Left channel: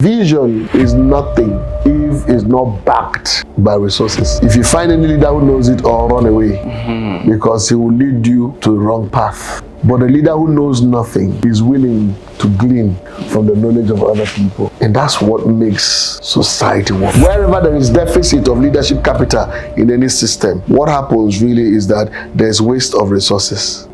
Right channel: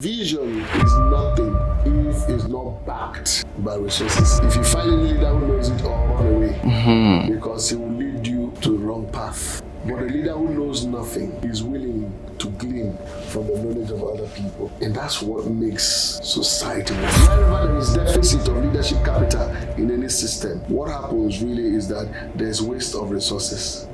Vision is nothing if it's not backed by resources. If you find any leader who knows it, or run away, because he will lead you to the wrong path. But a leader who knows nothing is willing to glean from the knowledge of other people. And that's what makes society work. Wherever there is deficit of leadership capital in any system, what happens really is that there's waste of resources.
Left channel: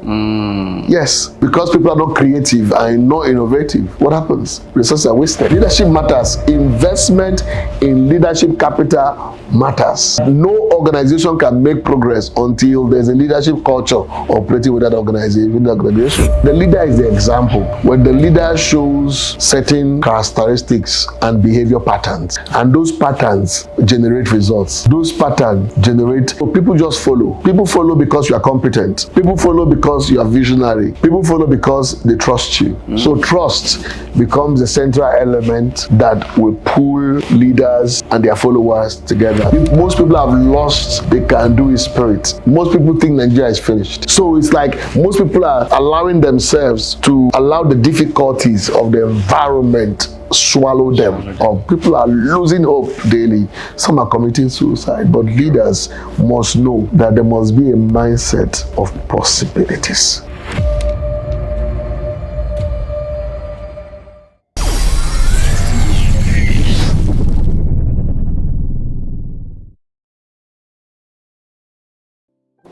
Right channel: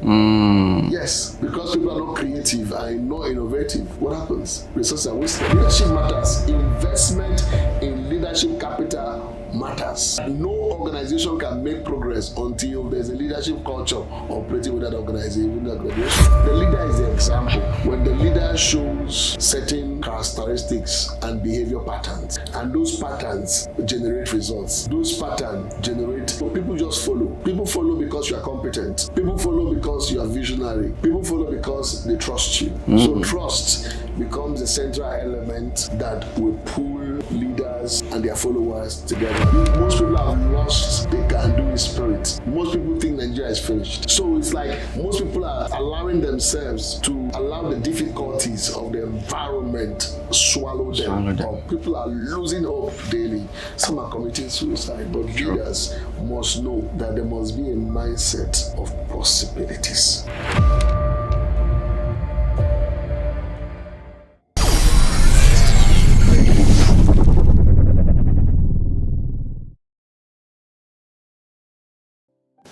Yes, because people are not creative and not innovative, what happens? Resources are wasted. Leadership matters. Investment in leadership capital matters. No organization can make progress until there's a leadership culture operating with that organization. The leader is the example. When the leader shows certain characteristics and behavior patterns, and those patterns generate results. Those patterns generate, people just follow. People follow because you are competent. People follow because you are visionary. People follow because they trust you. So trust becomes the central element that will pull leaders and their followers together. Most people have lost the can-do spirit. Most people think Nigeria is finished. So it's like most people are allowing themselves to allow the difficulties of the environment swallow them up. People are losing hope daily. Some are committing suicide. But leaders must know that there must be a mindset of possibilities.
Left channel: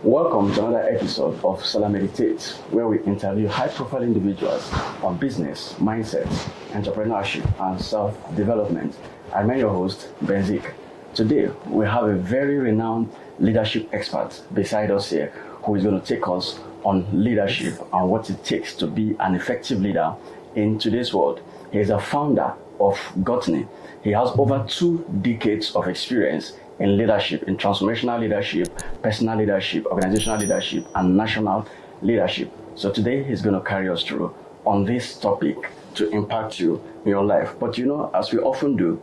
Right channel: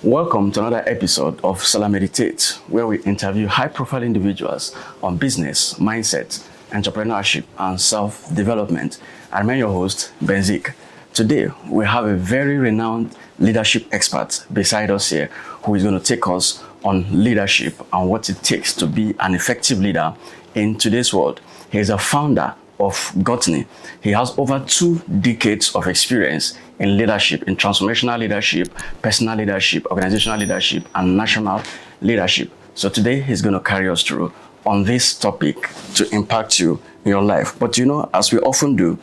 Welcome to another episode of SelahMeditate, where we interview high-profile individuals on business, mindset, entrepreneurship, and self-development. I'm your host, Benzik. Today, we have a very renowned leadership expert beside us here who is going to take us on leadership and what it takes to be an effective leader in today's world. He is a founder of Gotney. He has over 2 decades of experience in leadership, in transformational leadership, personal leadership, organizational leadership, and national leadership. So today he's going to carry us through on this topic to impact you in your life. But you know, as we often do,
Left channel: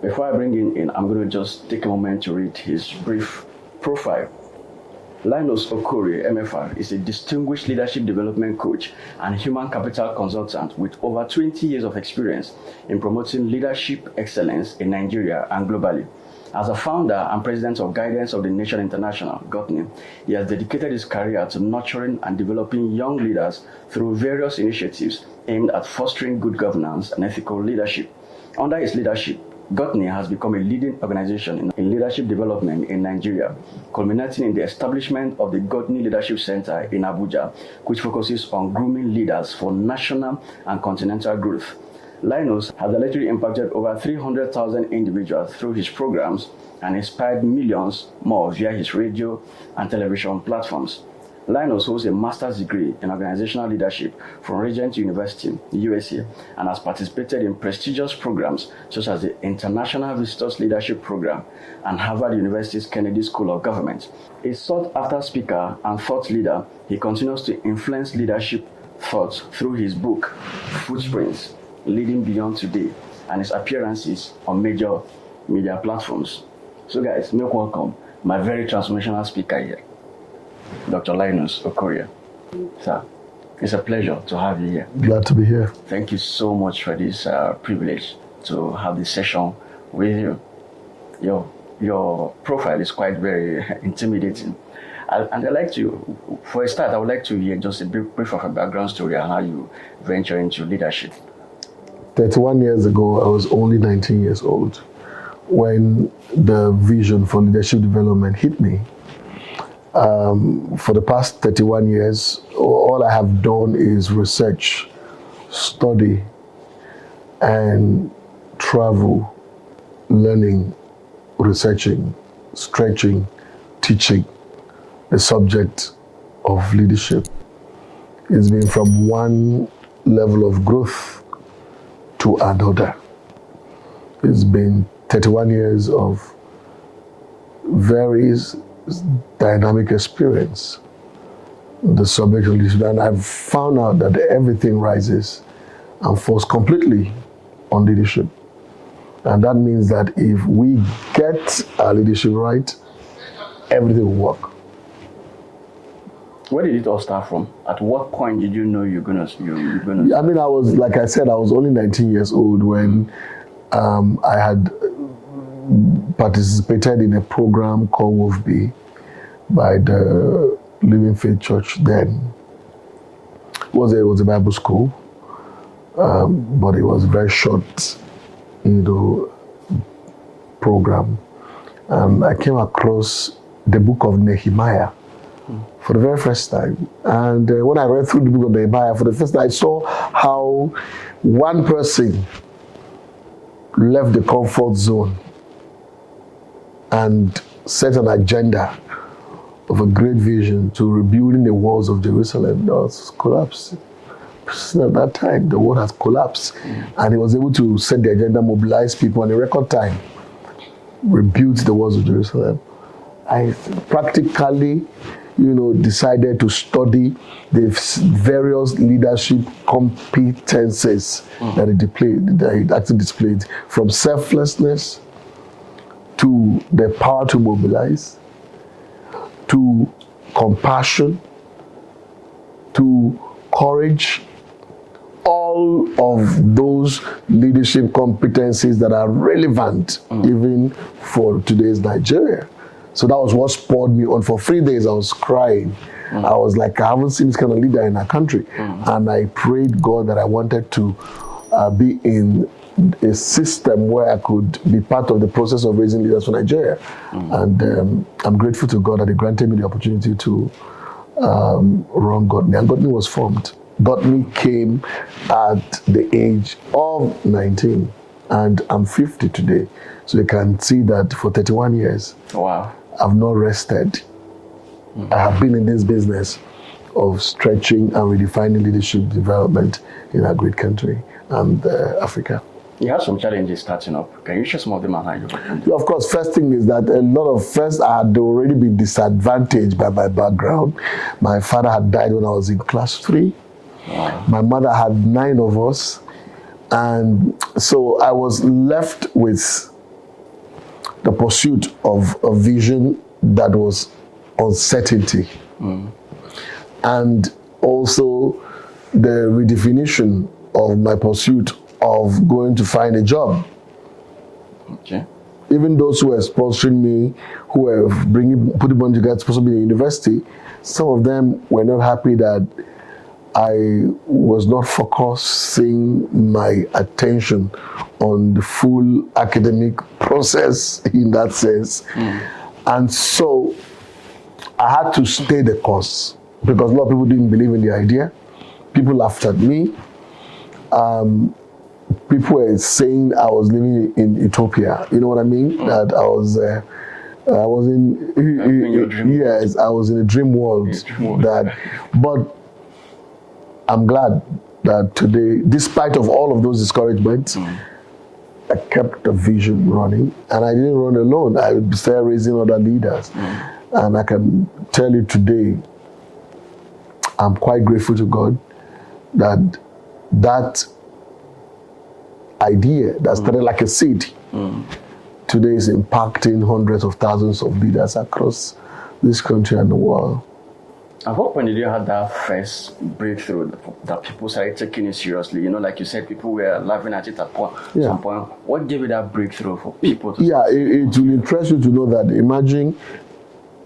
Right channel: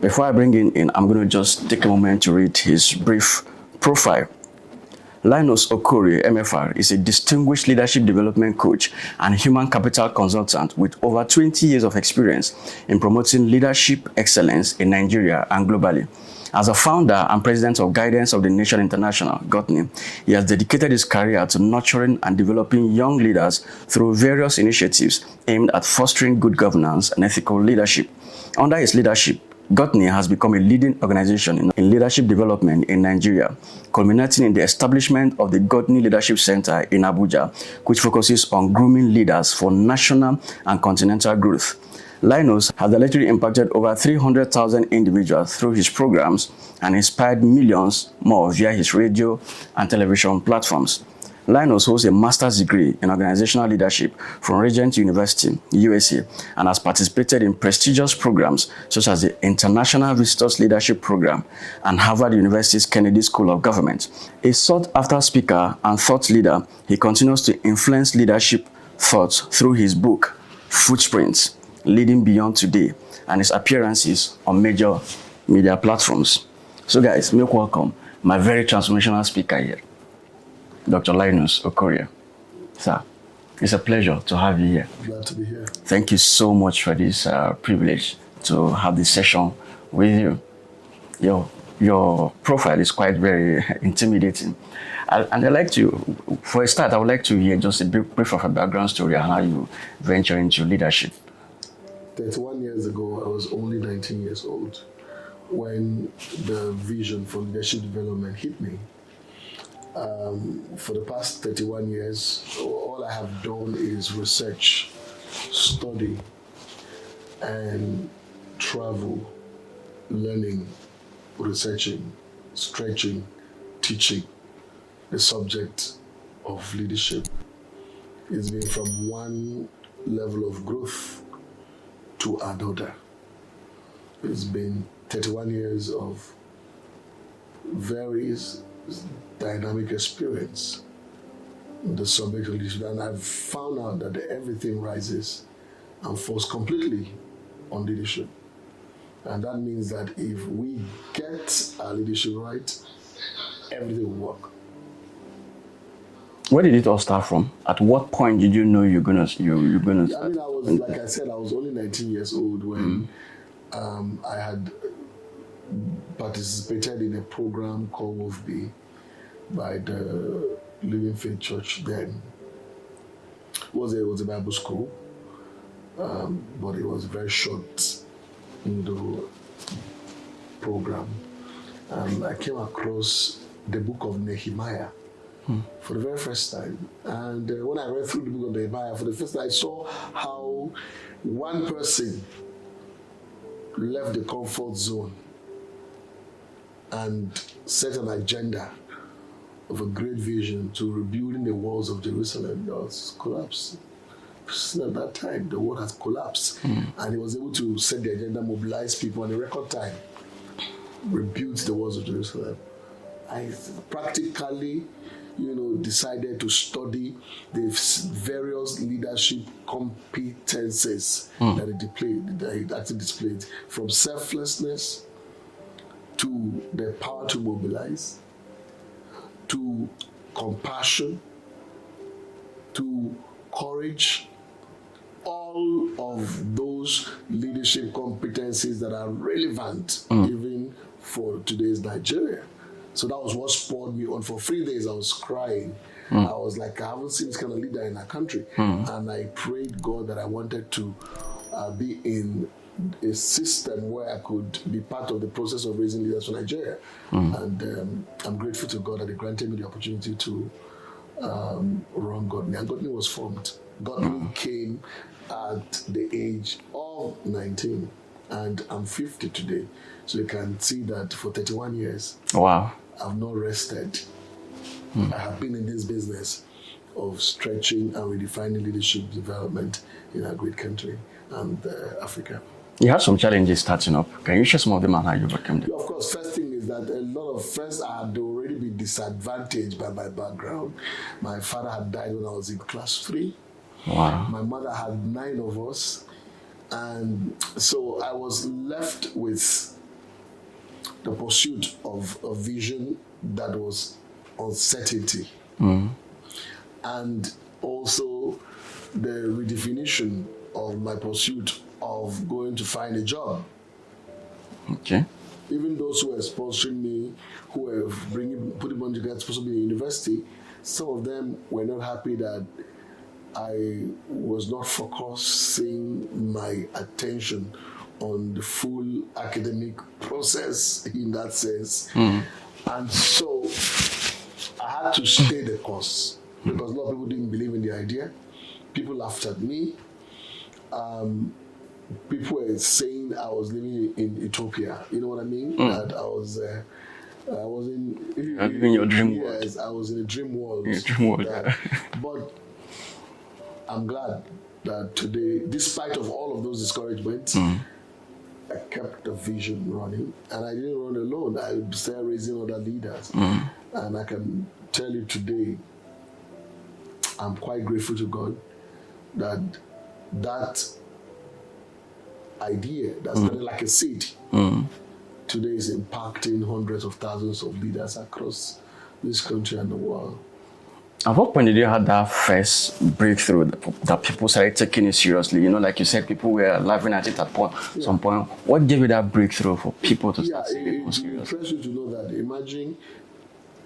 before I bring him in, I'm going to just take a moment to read his brief profile. Linus Okorie, MFR, is a distinguished leadership development coach and human capital consultant with over 20 years of experience in promoting leadership excellence in Nigeria and globally. As a founder and president of Guidance of the Nation International, Gotney, he has dedicated his career to nurturing and developing young leaders through various initiatives aimed at fostering good governance and ethical leadership. Under his leadership, Gotney has become a leading organization in leadership development in Nigeria, culminating in the establishment of the Gotney Leadership Center in Abuja, which focuses on grooming leaders for national and continental growth. Linus has literally impacted over 300,000 individuals through his programs and inspired millions more via his radio and television platforms. Linus holds a master's degree in organizational leadership from Regent University, USA, and has participated in prestigious programs such as the International Visitors Leadership Program and Harvard University's Kennedy School of Government. A sought-after speaker and thought leader, he continues to influence leadership thoughts through his book, Footprints, Leading Beyond Today, and his appearances on major media platforms. So guys, make welcome my very transformational speaker here, Dr. Linus Okorie. Sir, it's a pleasure to have you here. Glad to be here. Thank you so much for this privilege to have this session with you. Your profile is quite very intimidating. And I'd like to, for a start, I would like to hear just a brief of a background story on how you venture into leadership. 31 years ago, I was only 19 years old when the vision for leadership development hit me. For the past 31 years, all I have done is research, study, and travel, learning, researching, stretching, teaching the subject of leadership. It's been from one level of growth to another. It's been 31 years of very dynamic experience, the subject of leadership, and I've found out that everything rises and falls completely on leadership. And that means that if we get our leadership right, everything will work. Where did it all start from? At what point did you know you're gonna? I mean, I was, like I said, I was only 19 years old when I had participated in a program called WOFB by the Living Faith Church then. It was a Bible school, but it was a very short, program. And I came across the book of Nehemiah for the very first time. And when I read through the book of Nehemiah for the first time, I saw how one person left the comfort zone and set an agenda of a great vision to rebuilding the walls of Jerusalem that was collapsed. At that time, the world has collapsed. And he was able to set the agenda, mobilize people, and in record time, rebuild the walls of Jerusalem. I practically, decided to study the various leadership competences that it actually displayed, from selflessness to the power to mobilize, to compassion, to courage, all of those leadership competencies that are relevant even for today's Nigeria. So that was what spurred me on. For 3 days I was crying. I was like, I haven't seen this kind of leader in our country. And I prayed God that I wanted to be in a system where I could be part of the process of raising leaders for Nigeria. And I'm grateful to God that He granted me the opportunity to run Godney. And Godney was formed. Godney came at the age of 19, and I'm 50 today. So you can see that for 31 years, wow, I've not rested. I have been in this business of stretching and redefining leadership development in our great country and Africa. You had some challenges starting up. Can you share some of them and how you overcame them? Yeah, of course, first thing is that I had already been disadvantaged by my background. My father had died when I was in class 3. Wow. My mother had 9 of us. And so I was left with the pursuit of a vision that was uncertainty. And also the redefinition of my pursuit of going to find a job. Okay. Even those who were sponsoring me, who were putting money together to sponsor me in university, some of them were not happy that I was not focusing my attention on the full academic process in that sense. And so I had to stay the course because a lot of people didn't believe in the idea. People laughed at me. People were saying I was living in utopia. You know what I mean? That I was in your dream. Yes, I was in a dream world. But I'm glad that today, despite of all of those discouragements, I kept the vision running, and I didn't run alone. I started raising other leaders. And I can tell you today, I'm quite grateful to God that idea that started like a seed today is impacting hundreds of thousands of leaders across this country and the world. At what point did you have that first breakthrough that people started taking it seriously? Like you said, people were laughing at it at some point. What gave you that breakthrough for people to it will interest you to know that, imagine,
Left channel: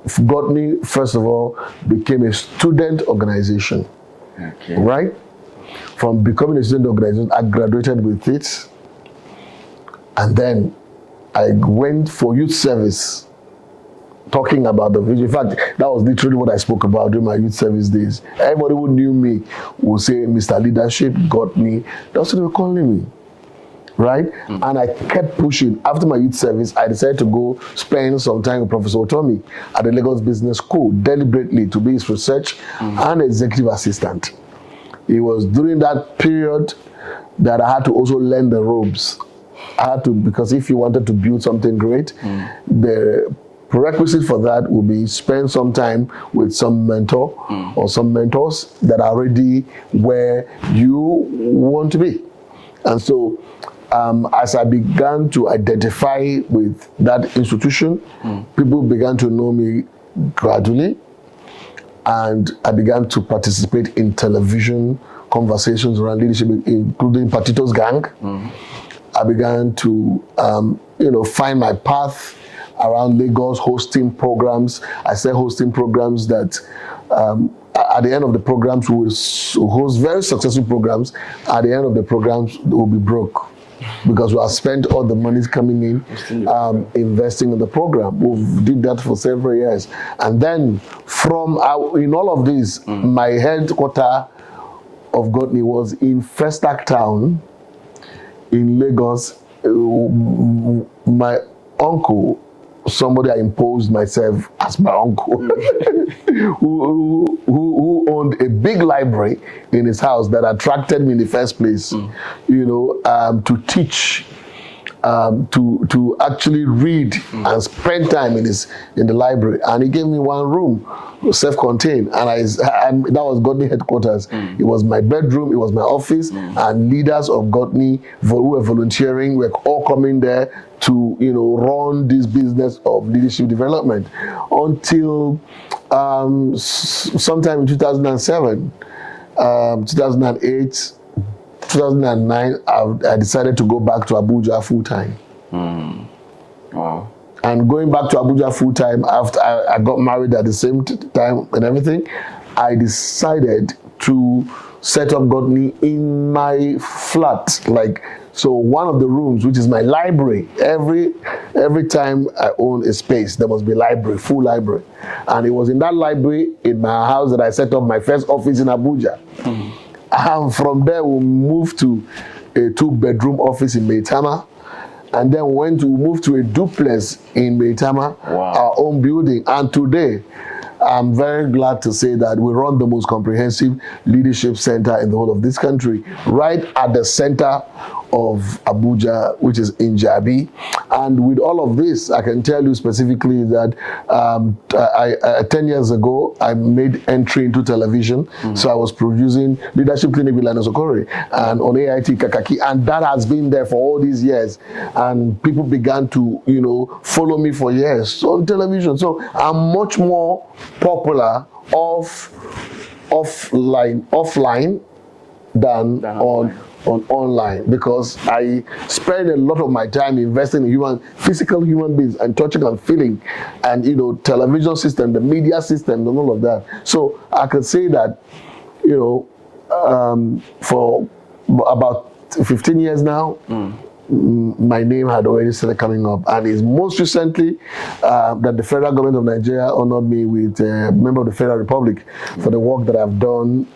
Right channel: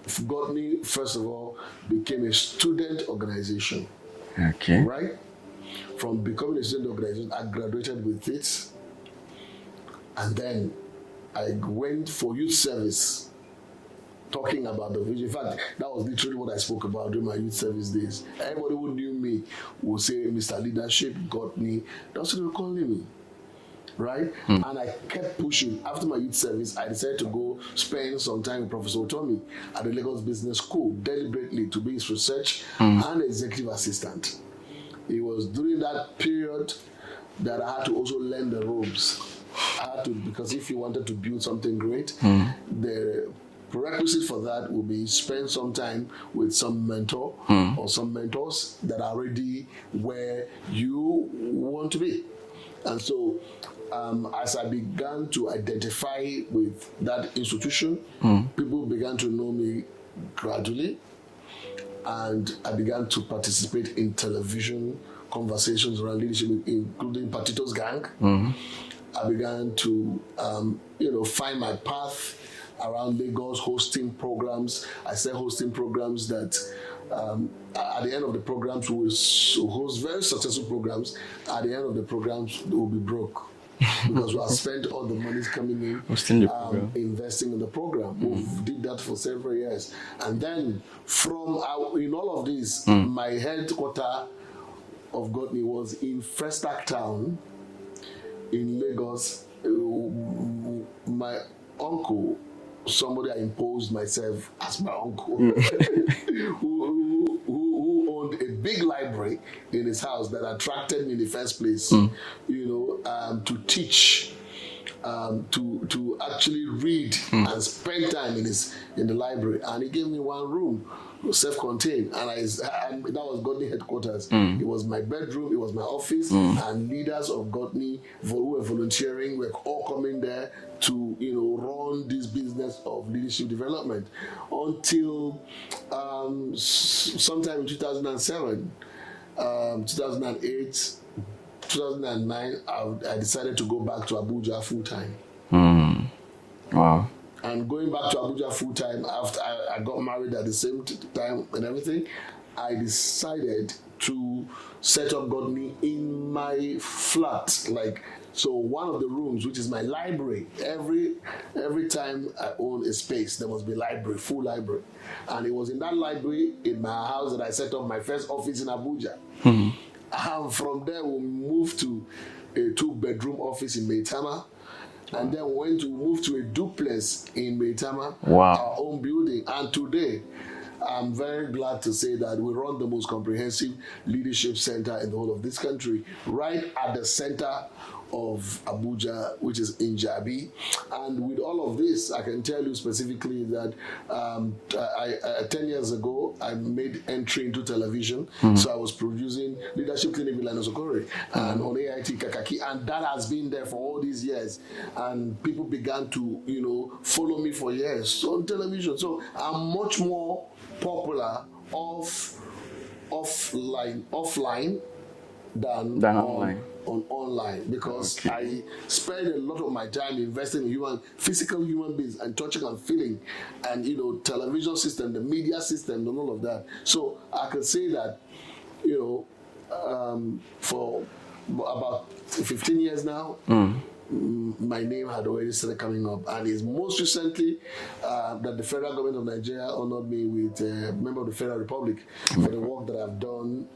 Godney, first of all, became a student organization. Okay. Right? From becoming a student organization, I graduated with it. And then I went for youth service, talking about the vision. In fact, that was literally what I spoke about during my youth service days. Everybody who knew me would say, Mr. Leadership, Godney. That's what they were calling me. Right? And I kept pushing. After my youth service, I decided to go spend some time with Professor Otomi at the Lagos Business School, deliberately to be his research and executive assistant. It was during that period that I had to also learn the ropes. I had to, because if you wanted to build something great, the prerequisite for that would be spend some time with some mentor or some mentors that are already where you want to be. And so as I began to identify with that institution, people began to know me gradually, and I began to participate in television conversations around leadership, including Patito's Gang. I began to, find my path around Lagos, hosting programs. I said hosting programs that at the end of the programs, we will host very successful programs. At the end of the programs, we'll be broke because we have spent all the monies coming in, investing in the program. We did that for several years. And then in all of this, my headquarter of Godney was in Festac Town in Lagos. My uncle, somebody I imposed myself as my uncle, who owned a big library in his house that attracted me in the first place, to teach, to actually read and spend time in the library. And he gave me one room, self-contained, and that was Godney headquarters. It was my bedroom, it was my office, and leaders of Godney who were volunteering were all coming there to run this business of leadership development until sometime in 2007, 2008, 2009, I decided to go back to Abuja full time. Wow. And going back to Abuja full time after I got married at the same time and everything, I decided to set up Godney in my flat. So one of the rooms, which is my library, every time I own a space, there must be library, full library. And it was in that library in my house that I set up my first office in Abuja. And from there, we moved to a 2-bedroom office in Maitama. And then we moved to a duplex in Maitama, our own building. And today, I'm very glad to say that we run the most comprehensive leadership center in the whole of this country, right at the center of Abuja, which is in Jabi. And with all of this, I can tell you specifically that 10 years ago, I made entry into television. So I was producing Leadership Clinic with Linus Okorie and on AIT Kakaki, and that has been there for all these years. And people began to, follow me for years on television. So I'm much more popular offline than on online, because I spend a lot of my time investing in physical human beings and touching and feeling, and television system, the media system, and all of that. So I could say that for about 15 years now, my name had already started coming up, and it's most recently that the federal government of Nigeria honored me with a member of the Federal Republic for the work that I've done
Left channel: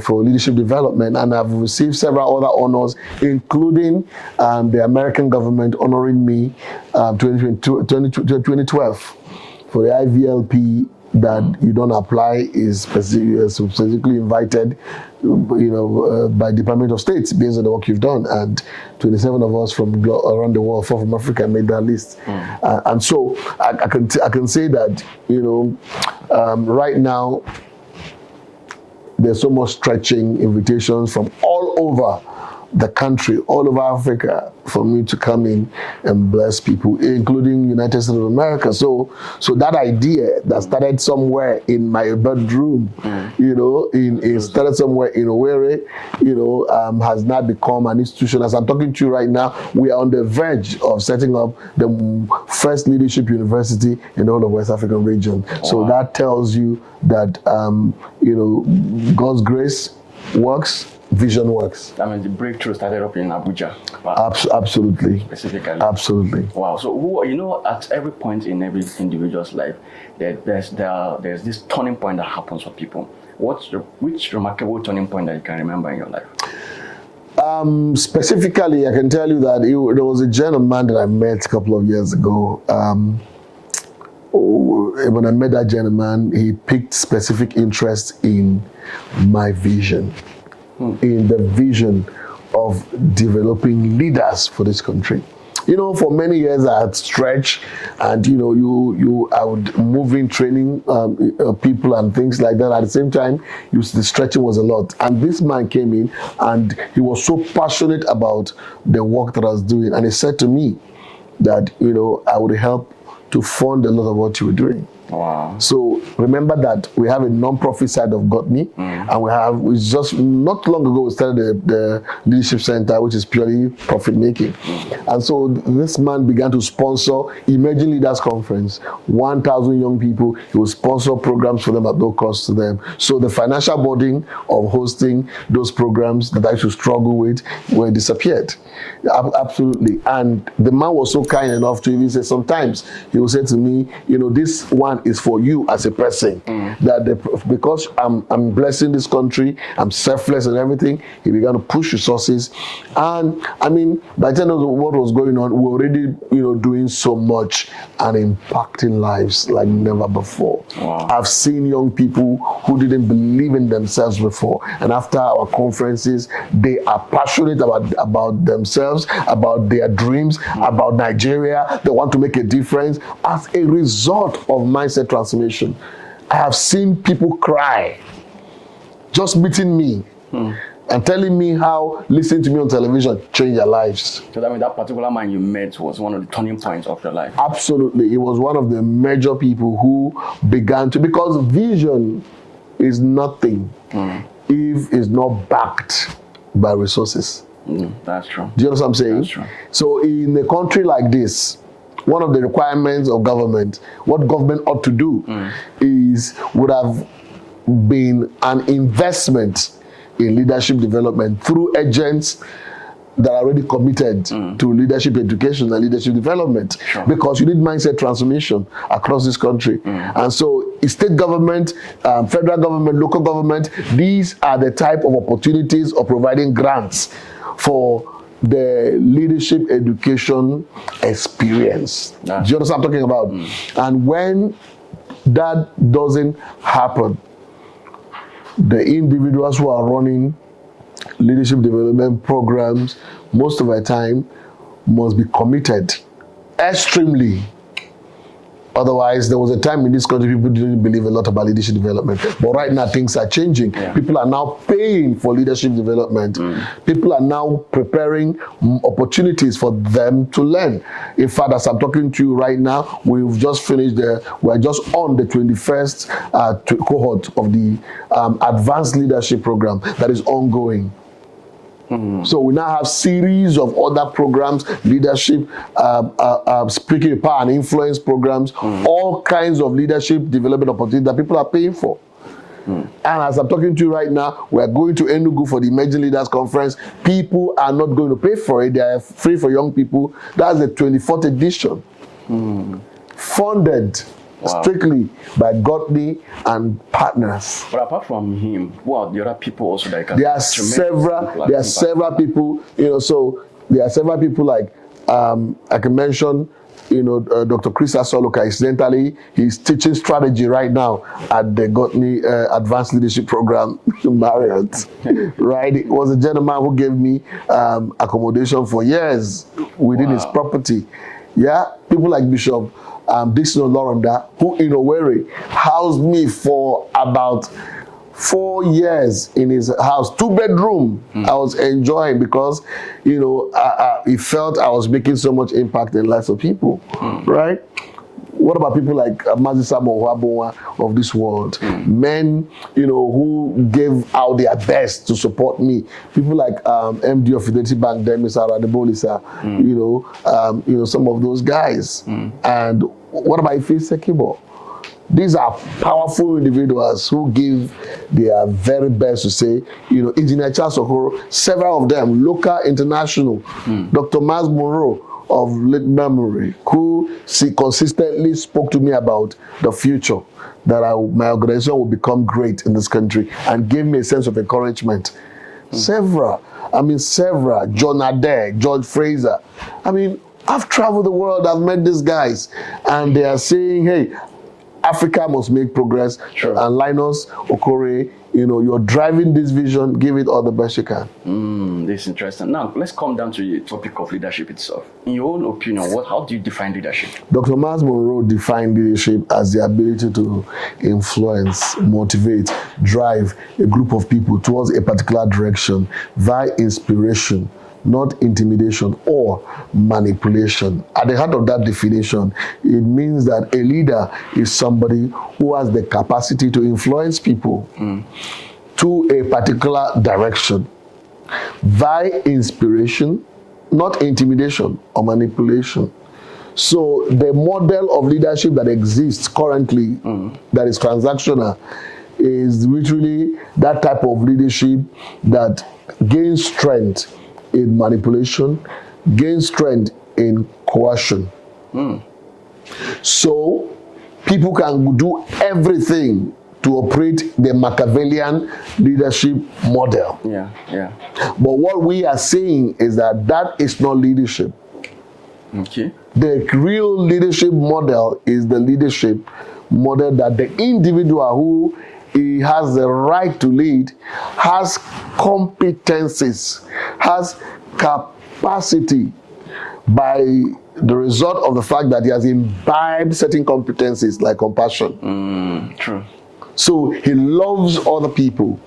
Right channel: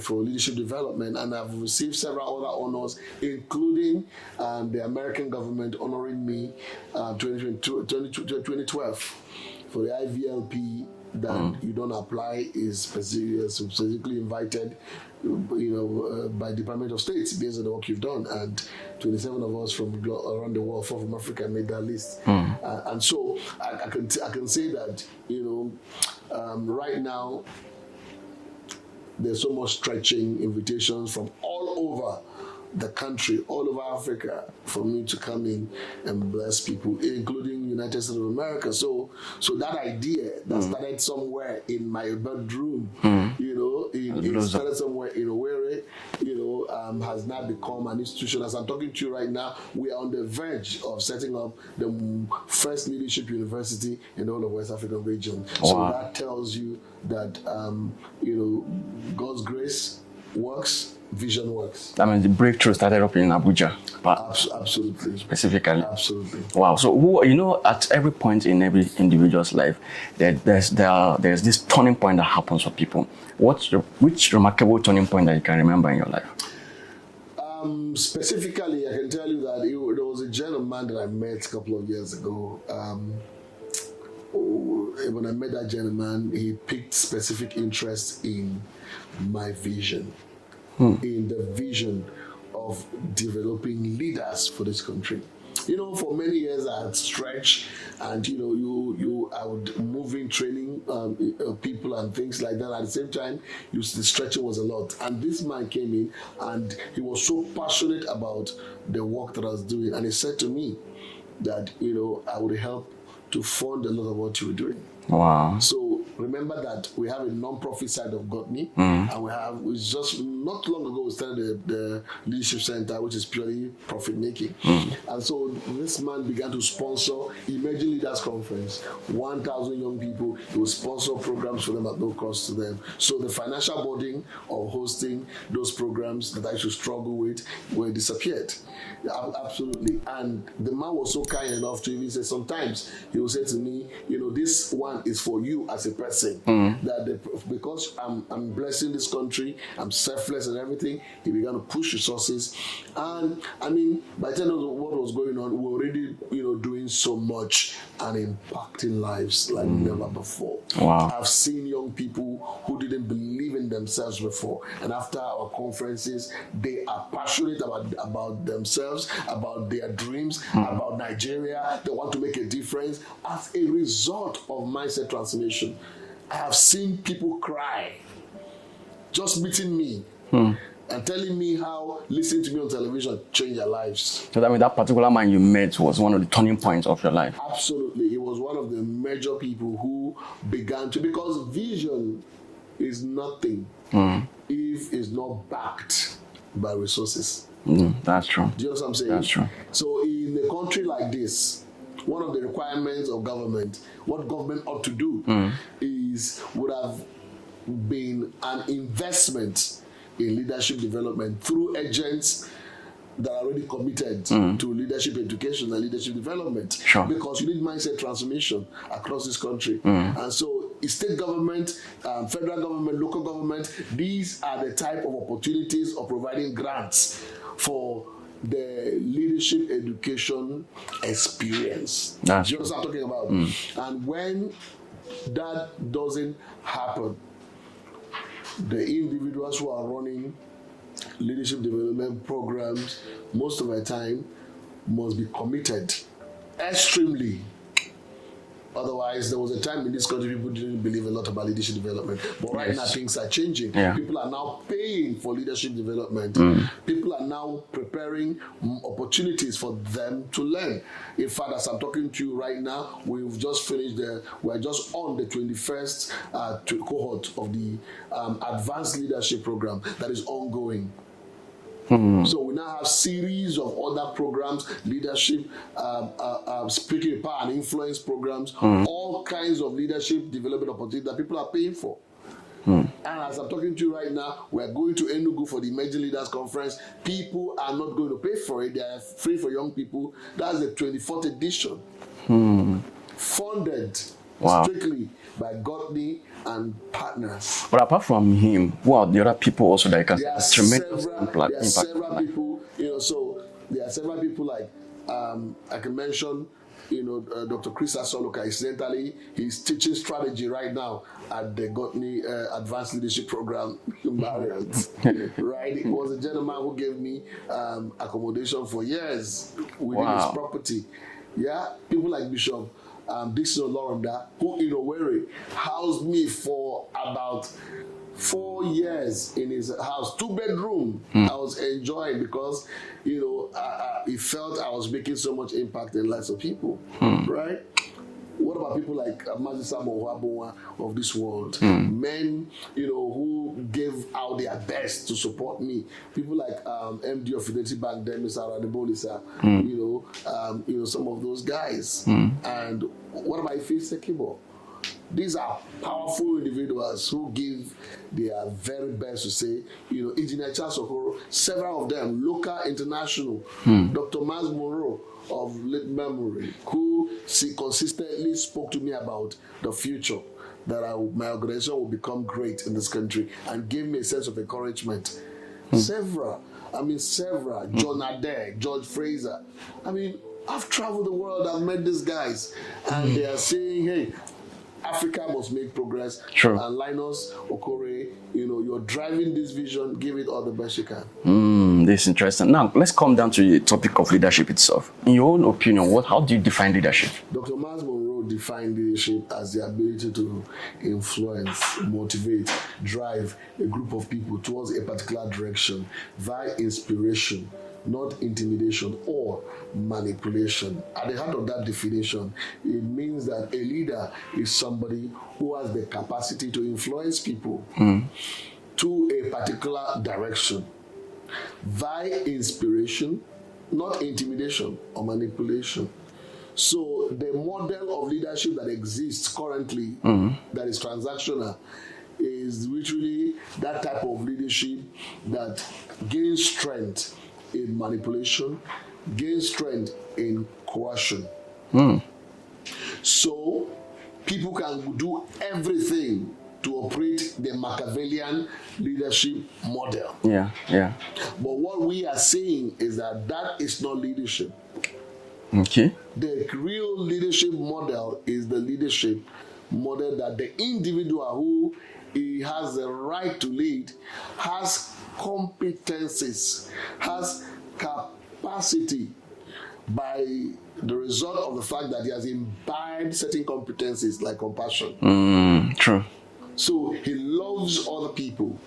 for leadership development, and I've received several other honors, including the American government honoring me 2012 for the IVLP that you don't apply is specifically invited by Department of State based on the work you've done, and 27 of us from around the world, 4 from Africa, made that list. And so I can say that right now there's so much stretching invitations from all over the country, all over Africa, for me to come in and bless people, including United States of America. So that idea that started somewhere in my bedroom, started somewhere in Owerri, has now become an institution. As I'm talking to you right now, we are on the verge of setting up the first leadership university in the whole of West African region. So that tells you that, God's grace works, vision works. I mean, the breakthrough started up in Abuja. Absolutely. Specifically. Absolutely. Wow. So, at every point in every individual's life, there's this turning point that happens for people. Which remarkable turning point that you can remember in your life? Specifically, I can tell you that there was a gentleman that I met a couple of years ago. When I met that gentleman, he picked specific interest in my vision, in the vision of developing leaders for this country. For many years I had stretched, and I would move in training people and things like that. At the same time, the stretching was a lot. And this man came in, and he was so passionate about the work that I was doing, and he said to me that I would help to fund a lot of what you were doing. Wow. So remember that we have a non-profit side of Gotney, and we just not long ago we started the leadership center, which is purely profit making. And so this man began to sponsor emerging leaders conference, 1,000 young people. He will sponsor programs for them at no cost to them. So the financial burden of hosting those programs that I used to struggle with were disappeared. Absolutely. And the man was so kind enough to even say, sometimes he will say to me, this one is for you as a person. Because I'm blessing this country, I'm selfless and everything, he began to push resources. And I mean, by the end of what was going on, we were already, doing so much and impacting lives like never before. Wow. I've seen young people who didn't believe in themselves before, and after our conferences, they are passionate about themselves, about their dreams, about Nigeria. They want to make a difference as a result of mindset transformation. I have seen people cry just meeting me and telling me how listening to me on television changed their lives. So that means that particular man you met was one of the turning points of your life. Absolutely. It was one of the major people who began to, because vision is nothing if it's not backed by resources. That's true. Do you know what I'm saying? That's true. So in a country like this, one of the requirements of government, what government ought to do would have been an investment in leadership development through agents that are already committed to leadership education and leadership development. Sure. Because you need mindset transformation across this country. And so state government, federal government, local government, these are the type of opportunities of providing grants for the leadership education experience. Do you understand what I'm talking about? And when that doesn't happen, the individuals who are running leadership development programs most of the time must be committed extremely. Otherwise, there was a time in this country people didn't believe a lot about leadership development. But right now, things are changing. Yeah. People are now paying for leadership development. People are now preparing opportunities for them to learn. In fact, as I'm talking to you right now, we've just finished we're just on the 21st cohort of the advanced leadership program that is ongoing. So we now have series of other programs, leadership, speaking power and influence programs, all kinds of leadership development opportunities that people are paying for. And as I'm talking to you right now, we're going to Enugu for the Emerging Leaders Conference. People are not going to pay for it. They are free for young people. That's the 24th edition. Funded strictly by Gotney and partners. But apart from him, who are the other people also that can? There are several people, so there are several people like, I can mention, Dr. Chris Asoloka. Incidentally, he's teaching strategy right now at the Gotney Advanced Leadership Program in Marriott. Right? It was a gentleman who gave me accommodation for years within his property. Yeah, people like Bishop Dixon Olorunda, who in Owerri housed me for about 4 years in his house, 2-bedroom. I was enjoying because, he felt I was making so much impact in the lives of people, right? What about people like Mazi Samuel Wabonwa of this world? Men, who gave out their best to support me. People like MD of Fidelity Bank, Mr. Adebolisa, some of those guys. And what about Ife Sekibo? These are powerful individuals who give their very best to say, Engineer Charles Okoro, several of them, local, international, Dr. Miles Monroe of late memory, who consistently spoke to me about the future, that my organization will become great in this country, and gave me a sense of encouragement. Several, John Adair, George Fraser. I've traveled the world, I've met these guys, and they are saying, hey, Africa must make progress. Sure. And Linus Okorie, you're driving this vision, give it all the best you can. This is interesting. Now, let's come down to the topic of leadership itself. In your own opinion, how do you define leadership? Dr. Miles Monroe defined leadership as the ability to influence, motivate, drive a group of people towards a particular direction via inspiration, not intimidation or manipulation. At the heart of that definition, it means that a leader is somebody who has the capacity to influence people to a particular direction by inspiration, not intimidation or manipulation. So the model of leadership that exists currently, that is transactional, is literally that type of leadership that gains strength in manipulation, gains strength in coercion. So people can do everything to operate the Machiavellian leadership model. But what we are saying is that that is not leadership. Okay. The real leadership model is the leadership model that the individual who he has the right to lead has competencies, has capacity by the result of the fact that he has imbibed certain competencies like compassion. True. So he loves other people.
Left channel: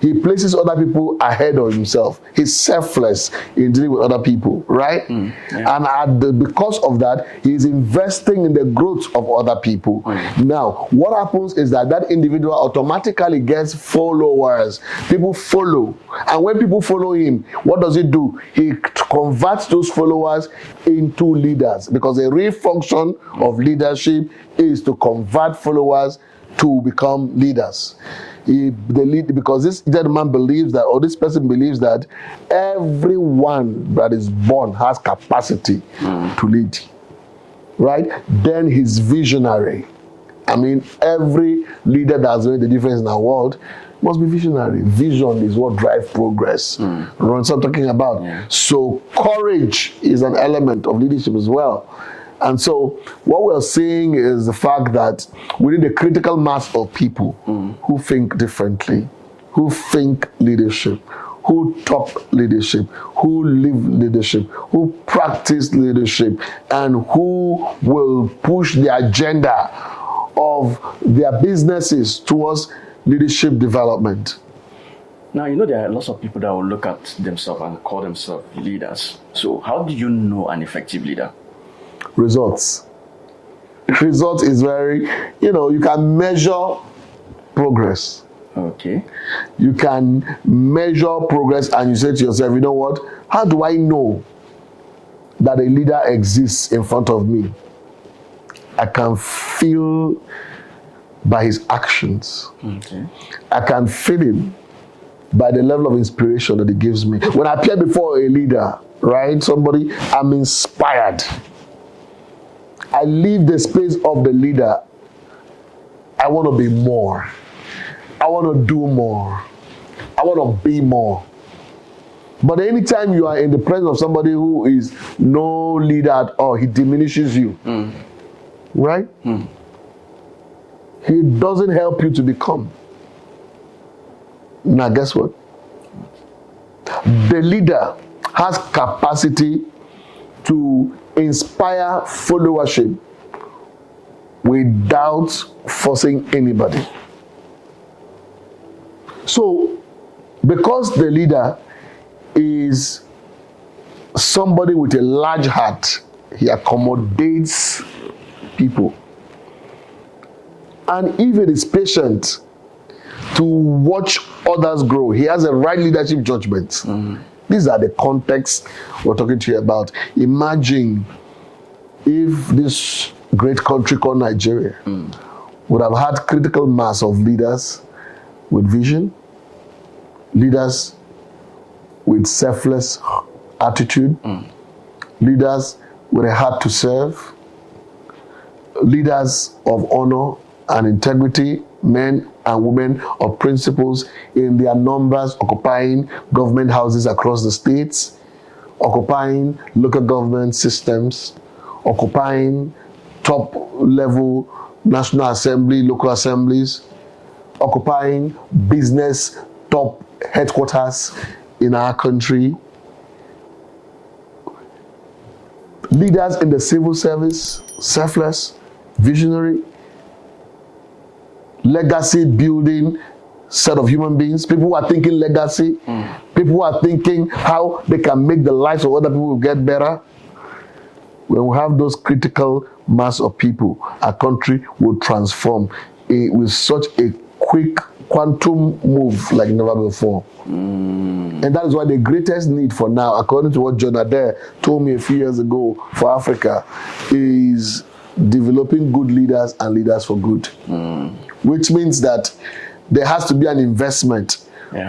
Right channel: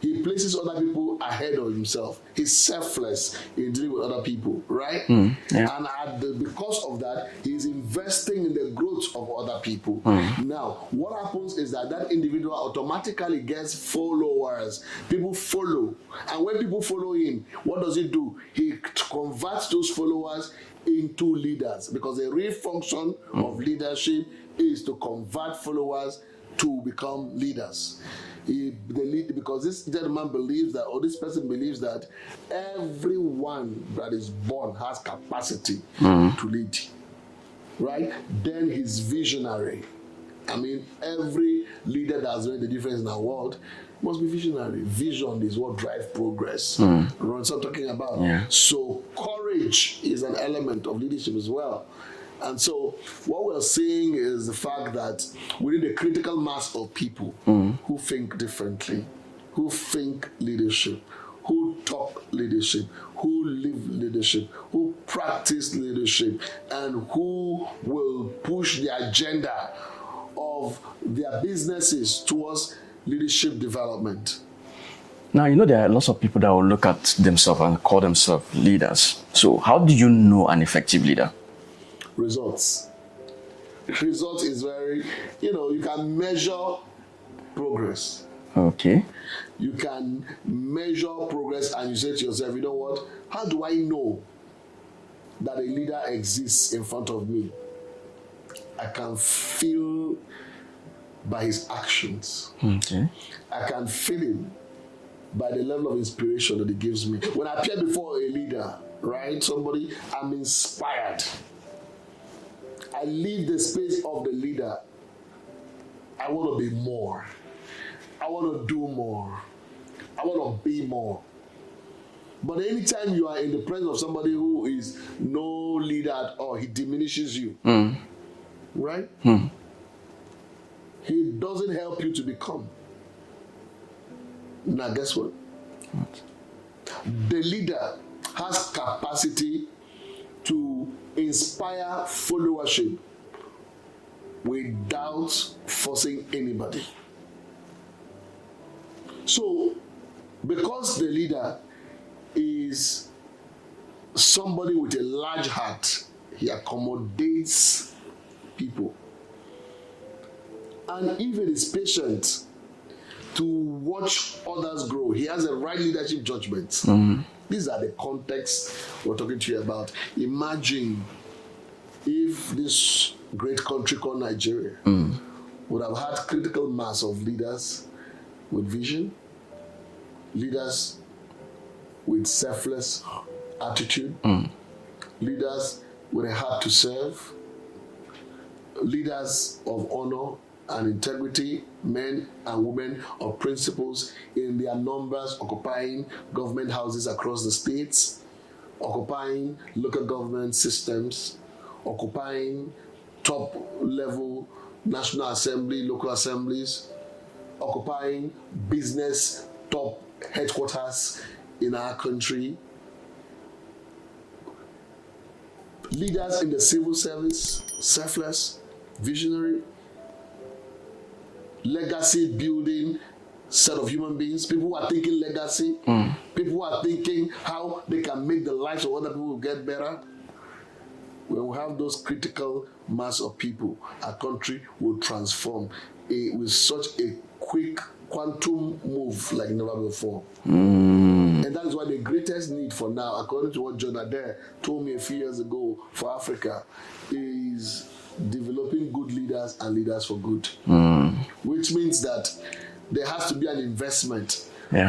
He places other people ahead of himself. He's selfless in dealing with other people, right? And because of that, he's investing in the growth of other people. Now, what happens is that that individual automatically gets followers. People follow. And when people follow him, what does he do? He converts those followers into leaders. Because the real function of leadership is to convert followers to become leaders. Because this gentleman believes that, or this person believes that everyone that is born has capacity to lead, right? Then he's visionary. I mean, every leader that's made the difference in our world must be visionary. Vision is what drives progress. What I'm talking about. So courage is an element of leadership as well. And so what we're seeing is the fact that we need a critical mass of people who think differently, who think leadership, who talk leadership, who live leadership, who practice leadership, and who will push the agenda of their businesses towards leadership development. Now, you know, there are lots of people that will look at themselves and call themselves leaders. So how do you know an effective leader? Results. Results is very, you can measure progress. Okay. You can measure progress and you say to yourself, you know what? How do I know that a leader exists in front of me? I can feel by his actions. Okay. I can feel him by the level of inspiration that he gives me. When I appear before a leader, right, somebody, I'm inspired. I leave the space of the leader. I want to be more. I want to do more. I want to be more. But anytime you are in the presence of somebody who is no leader at all, he diminishes you. Right? He doesn't help you to become. Now, guess what? The leader has capacity to inspire followership without forcing anybody. So, because the leader is somebody with a large heart, he accommodates people. And even is patient to watch others grow. He has a right leadership judgment. These are the contexts we're talking to you about. Imagine if this great country called Nigeria would have had critical mass of leaders with vision, leaders with selfless attitude, leaders with a heart to serve, leaders of honor and integrity, men and women of principles in their numbers, occupying government houses across the states, occupying local government systems, occupying top-level National Assembly, local assemblies, occupying business top headquarters in our country, leaders in the civil service, selfless, visionary, legacy building set of human beings, people who are thinking legacy, people who are thinking how they can make the lives of other people get better. When we have those critical mass of people, our country will transform with such a quick quantum move like never before. And that is why the greatest need for now, according to what John Adair told me a few years ago for Africa, is developing good leaders and leaders for good. Which means that there has to be an investment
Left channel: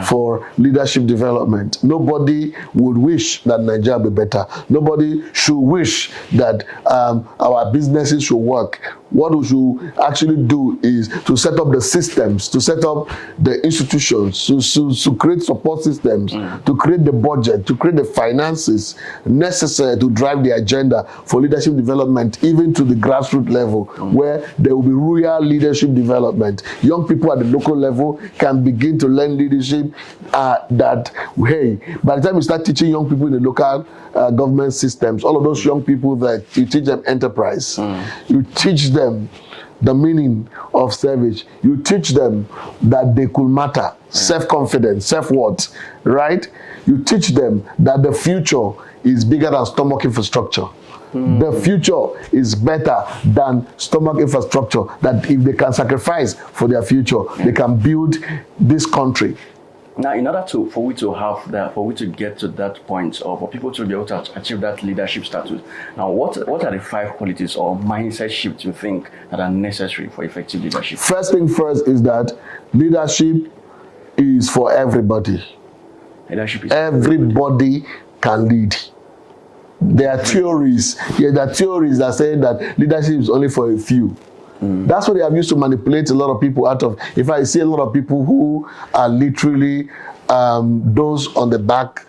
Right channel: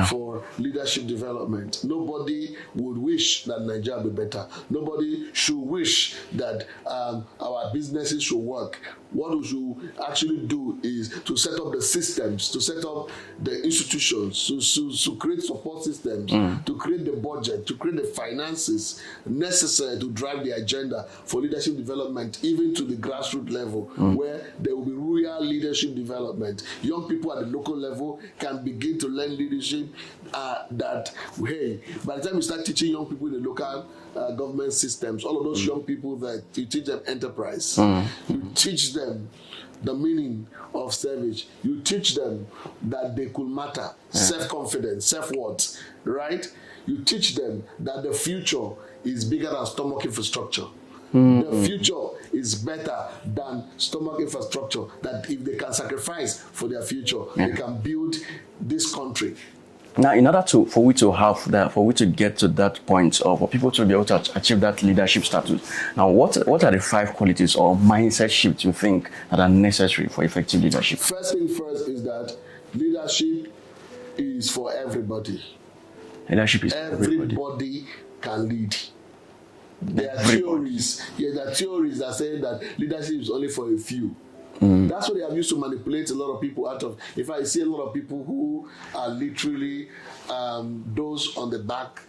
for leadership development. Nobody would wish that Nigeria be better. Nobody should wish that our businesses should work. What we should actually do is to set up the systems, to set up the institutions, to create support systems, to create the budget, to create the finances necessary to drive the agenda for leadership development, even to the grassroots level, where there will be real leadership development. Young people at the local level can begin to learn leadership that, hey, by the time you start teaching young people in the local government systems, all of those young people that you teach them enterprise, you teach them the meaning of service, you teach them that they could matter, self-confidence, self-worth, right? You teach them that the future is bigger than stomach infrastructure. The future is better than stomach infrastructure, that if they can sacrifice for their future, they can build this country. Now, in order for we to have that, for we to get to that point, or for people to be able to achieve that leadership status, now what are the 5 qualities or mindset shifts you think that are necessary for effective leadership? First thing first is that leadership is for everybody. Leadership is everybody can lead. There are theories that say that leadership is only for a few. That's what they have used to manipulate a lot of people out of. If I see a lot of people who are literally those on the back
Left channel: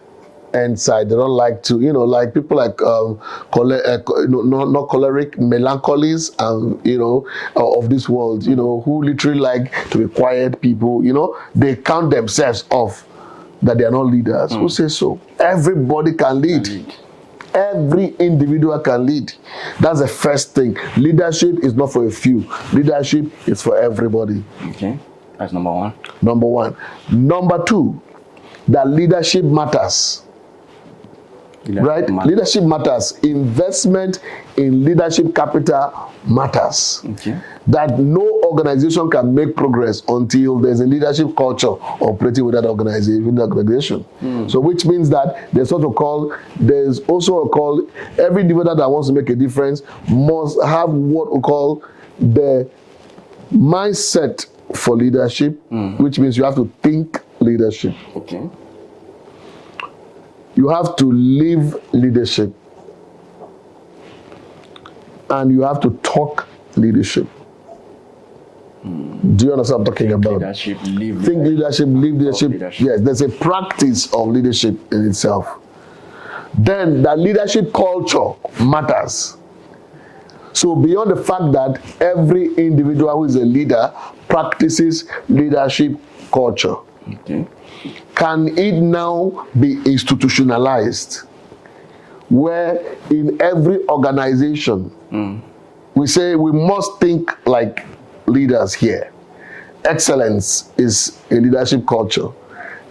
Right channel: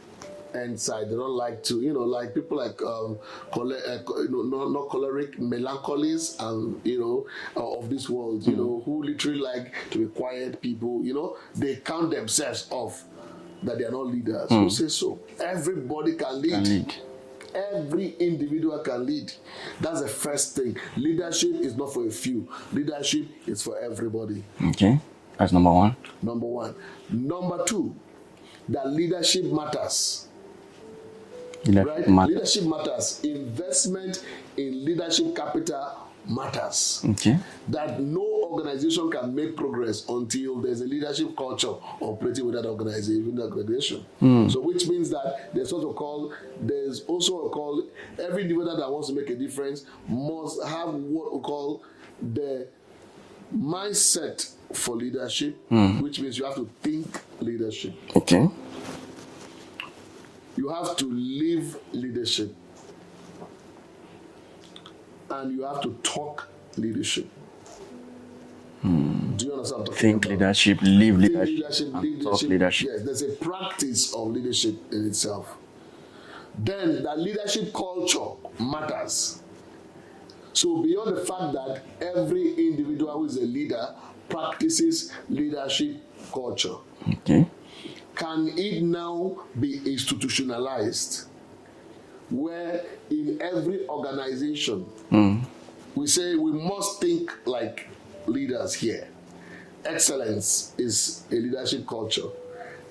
end side, they don't like to, like people like not choleric, melancholies, of this world, who literally like to be quiet people, they count themselves off that they are not leaders. Who says so? Everybody can lead. Every individual can lead. That's the first thing. Leadership is not for a few. Leadership is for everybody. Okay, that's number one. Number one. Number two, that leadership matters. Leadership matters. Investment in leadership capital matters. Okay. That no organization can make progress until there's a leadership culture operating with that organization. So which means that there's also a call, every individual that wants to make a difference must have what we call the mindset for leadership, which means you have to think leadership. Okay. You have to live leadership. And you have to talk leadership. Do you understand what I'm talking about? Leadership, live Think leadership, live leadership. Yes, there's a practice of leadership in itself. Then that leadership culture matters. So beyond the fact that every individual who is a leader practices leadership culture, okay, can it now be institutionalized? Where in every organization, we say we must think like leaders here. Excellence is a leadership culture.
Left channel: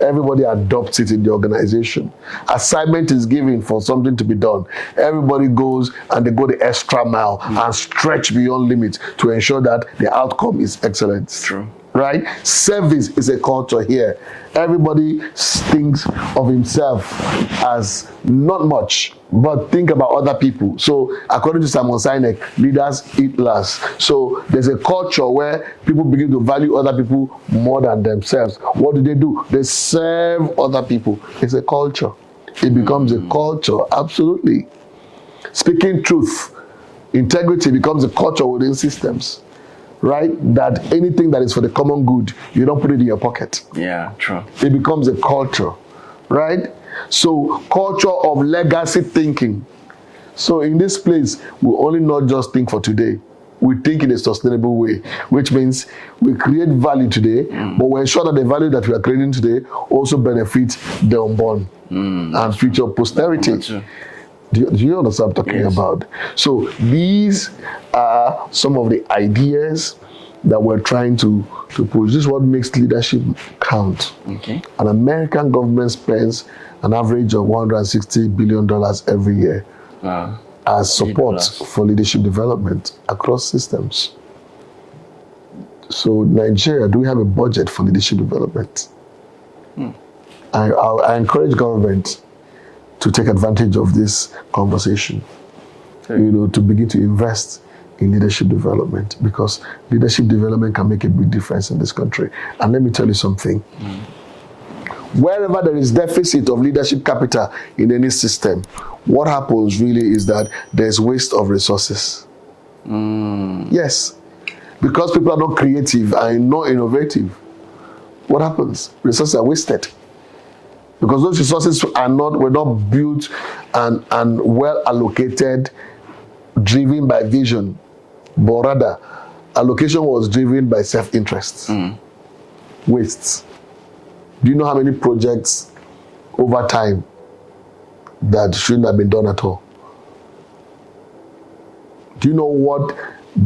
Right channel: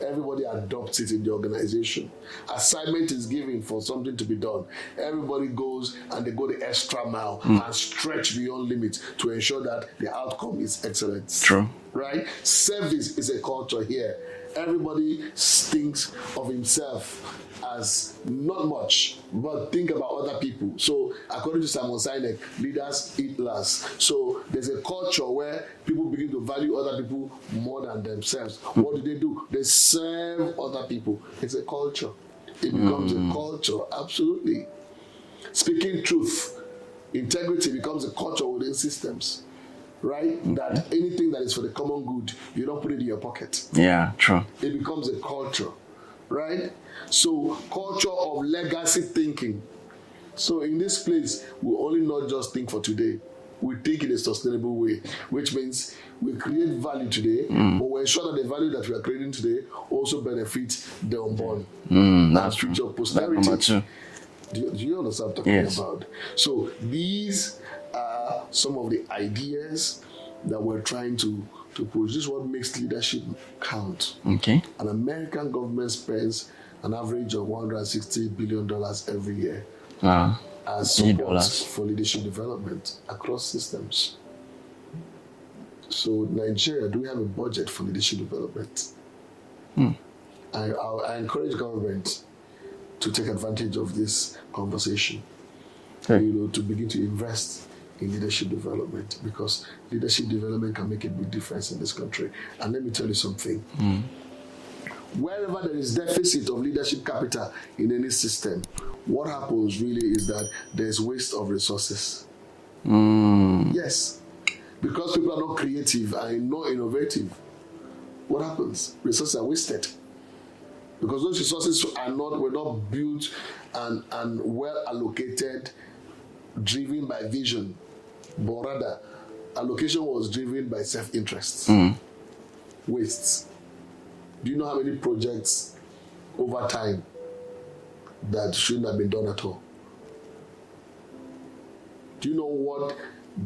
Everybody adopts it in the organization. Assignment is given for something to be done. Everybody goes and they go the extra mile and stretch beyond limits to ensure that the outcome is excellent. True. Right? Service is a culture here. Everybody thinks of himself as not much, but think about other people. So according to Simon Sinek, leaders eat last. So there's a culture where people begin to value other people more than themselves. What do? They serve other people. It's a culture. It becomes a culture, absolutely. Speaking truth, integrity becomes a culture within systems. Right? That anything that is for the common good, you don't put it in your pocket. Yeah, true. It becomes a culture, right? So, culture of legacy thinking. So, in this place, we only not just think for today. We think in a sustainable way, which means we create value today, but we ensure that the value that we are creating today also benefits the unborn and future posterity. Do you understand what I'm talking about? So these are some of the ideas that we're trying to push. This is what makes leadership count. Okay. An American government spends an average of $160 billion every year as support for leadership development across systems. So Nigeria, do we have a budget for leadership development? I encourage government to take advantage of this conversation, to begin to invest in leadership development, because leadership development can make a big difference in this country. And let me tell you something. Wherever there is deficit of leadership capital in any system, what happens really is that there's waste of resources. Yes, because people are not creative and not innovative. What happens? Resources are wasted. Because those resources were not built and well allocated, driven by vision, but rather allocation was driven by self-interest. Wastes. Do you know how many projects over time that shouldn't have been done at all? Do you know what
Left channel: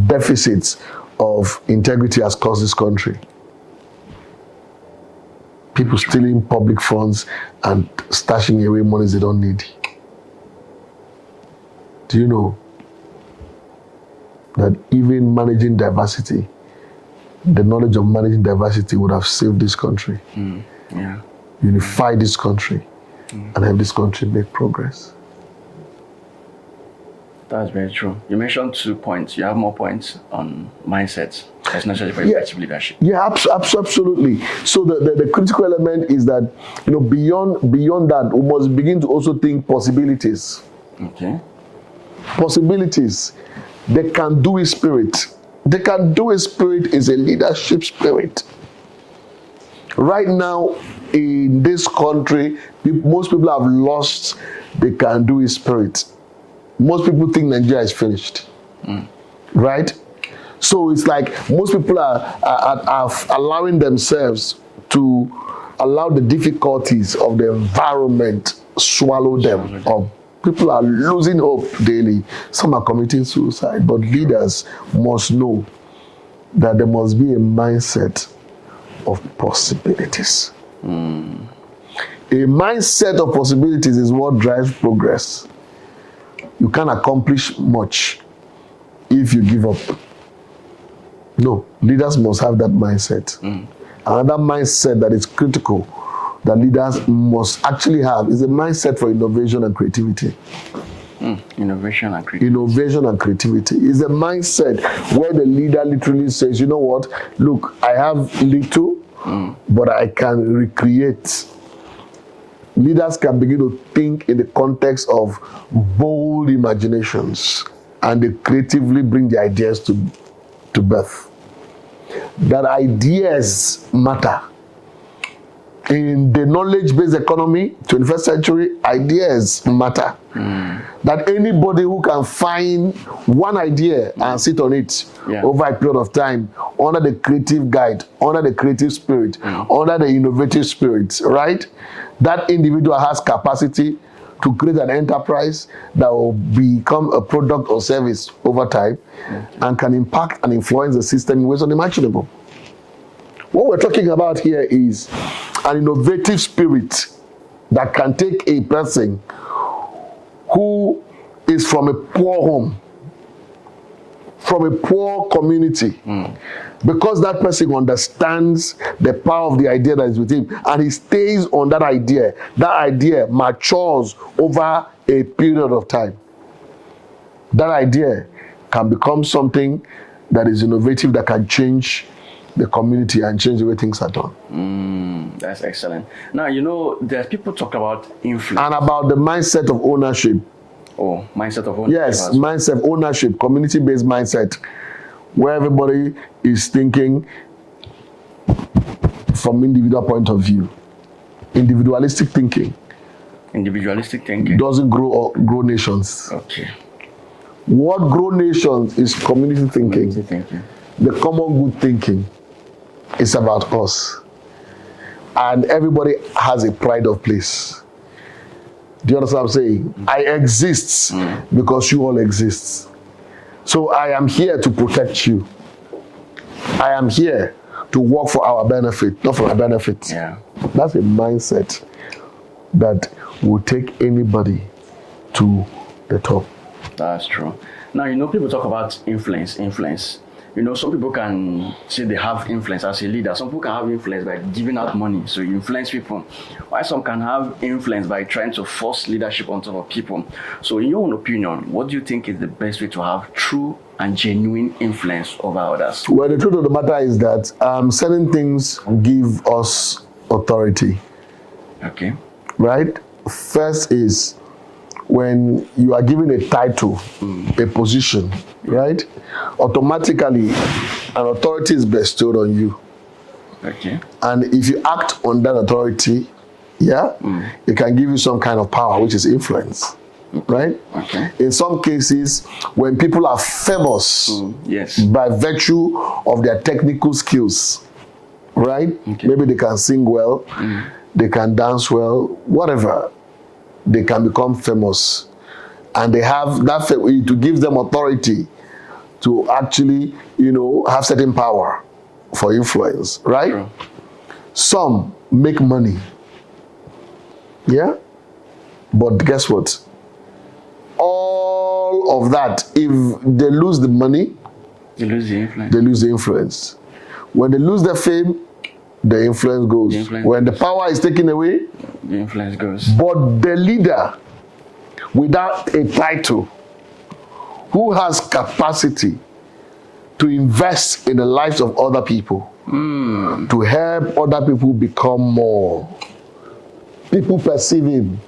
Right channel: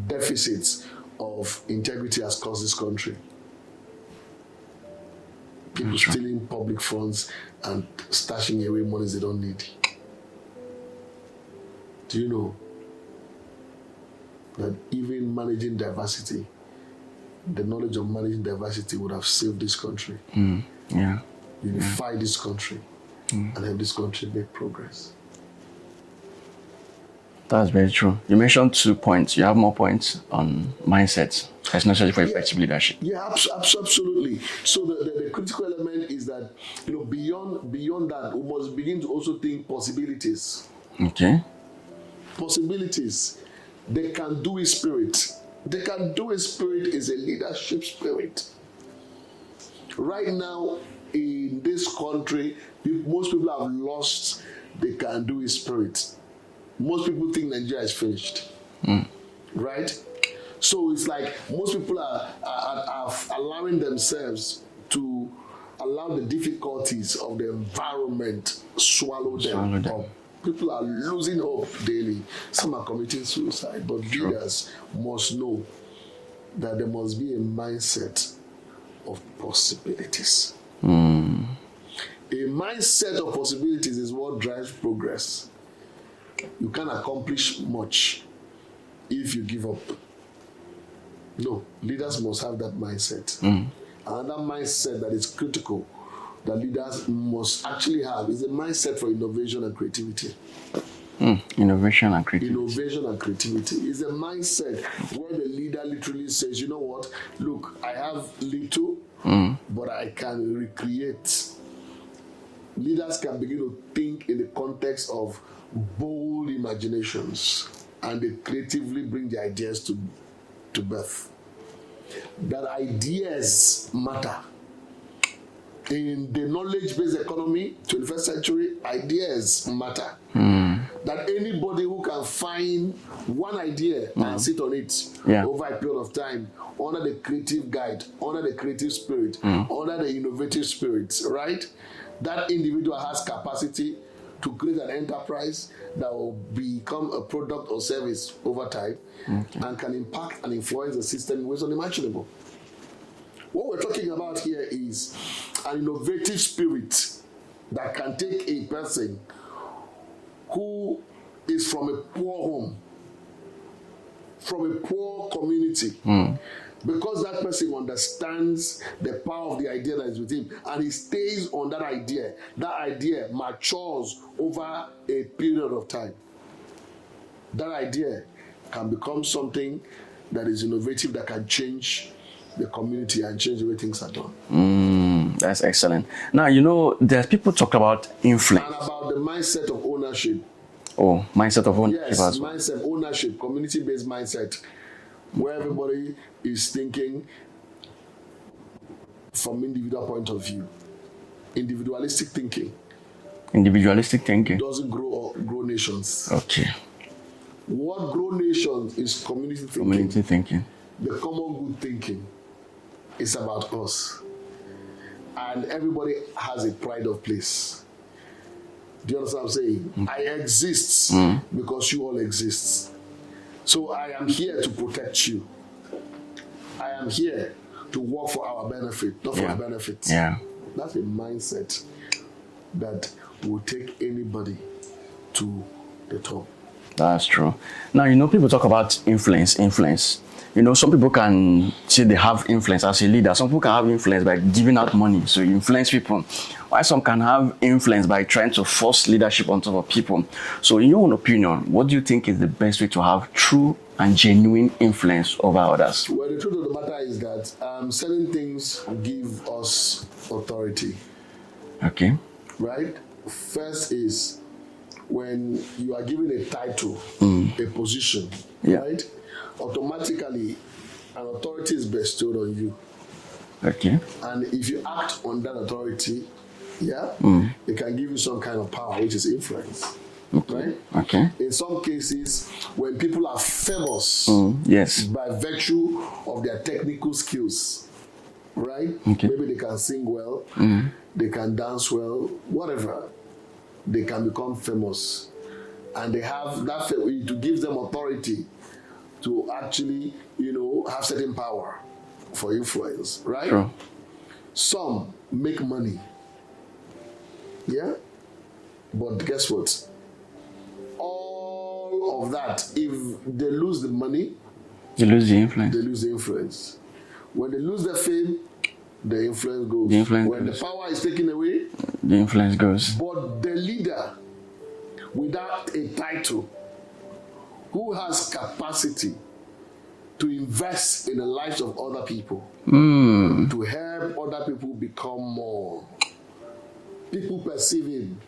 deficits of integrity has caused this country? People stealing public funds and stashing away monies they don't need. Do you know that even managing diversity, the knowledge of managing diversity would have saved this country, unify this country, and help this country make progress? That's very true. You mentioned 2 points. You have more points on mindset. That's necessary for effective leadership. Yeah, absolutely. So the critical element is that, beyond that, we must begin to also think possibilities. Okay. Possibilities. The can-do spirit. The can-do spirit is a leadership spirit. Right now, in this country, most people have lost the can-do spirit. Most people think Nigeria is finished, right? So it's like most people are allowing themselves to allow the difficulties of the environment swallow them up. People are losing hope daily. Some are committing suicide, but leaders must know that there must be a mindset of possibilities. A mindset of possibilities is what drives progress. You can't accomplish much if you give up. No, leaders must have that mindset. Another mindset that is critical that leaders must actually have is a mindset for innovation and creativity. Innovation and creativity. Innovation and creativity is a mindset where the leader literally says, you know what, look, I have little, but I can recreate. Leaders can begin to think in the context of bold imaginations, and they creatively bring the ideas to birth. That ideas matter. In the knowledge-based economy, 21st century, ideas matter. That anybody who can find one idea and sit on it over a period of time, under the creative guide, under the creative spirit, under the innovative spirit, right? That individual has capacity to create an enterprise that will become a product or service over time and can impact and influence the system in ways unimaginable. What we're talking about here is an innovative spirit that can take a person who is from a poor home, from a poor community, because that person understands the power of the idea that is with him, and he stays on that idea matures over a period of time. That idea can become something that is innovative, that can change the community and change the way things are done. That's excellent. Now, there's people talk about influence. And about the mindset of ownership. Oh, mindset of ownership. Yes, mindset, ownership, community-based mindset, where everybody is thinking from individual point of view. Individualistic thinking. Individualistic thinking doesn't grow nations. Okay. What grow nations is community thinking. Community thinking. The common good thinking is about us. And everybody has a pride of place. Do you understand what I'm saying? I exist because you all exist. So I am here to protect you. I am here to work for our benefit, not for my benefit. Yeah. That's a mindset that will take anybody to the top. That's true. Now, people talk about influence. Some people can say they have influence as a leader. Some people can have influence by giving out money, so you influence people. While some can have influence by trying to force leadership on top of people. So in your own opinion, what do you think is the best way to have true and genuine influence over others? Well, the truth of the matter is that certain things give us authority. Okay. Right? First is when you are given a title, a position, right? Automatically, an authority is bestowed on you. Okay. And if you act on that authority, it can give you some kind of power, which is influence. Right? Okay. In some cases, when people are famous by virtue of their technical skills, right? Okay. Maybe they can sing well, they can dance well, whatever. They can become famous. And they have that to give them authority to actually, have certain power for influence, right? Sure. Some make money. Yeah? But guess what? All of that, if they lose the money, they lose the influence. They lose the influence. When they lose their fame, the influence goes. When the power is taken away, the influence goes. But the leader, without a title, who has capacity to invest in the lives of other people, to help other people become more, people perceive him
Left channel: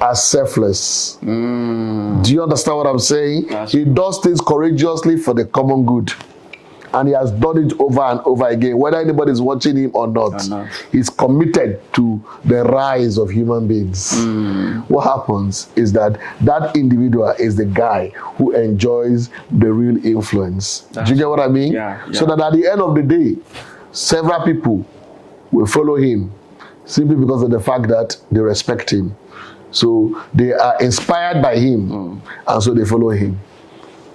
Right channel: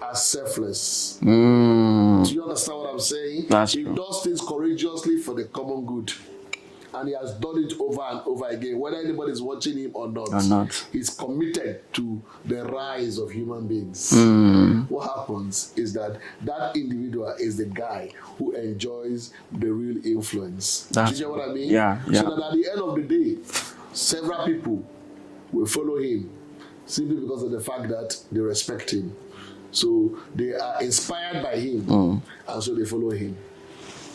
as selfless. Do you understand what I'm saying? He does things courageously for the common good. And he has done it over and over again, whether anybody is watching him or not. He's committed to the rise of human beings. What happens is that individual is the guy who enjoys the real influence. Do you get what I mean? Yeah. So that at the end of the day, several people will follow him simply because of the fact that they respect him. So they are inspired by him, and so they follow him.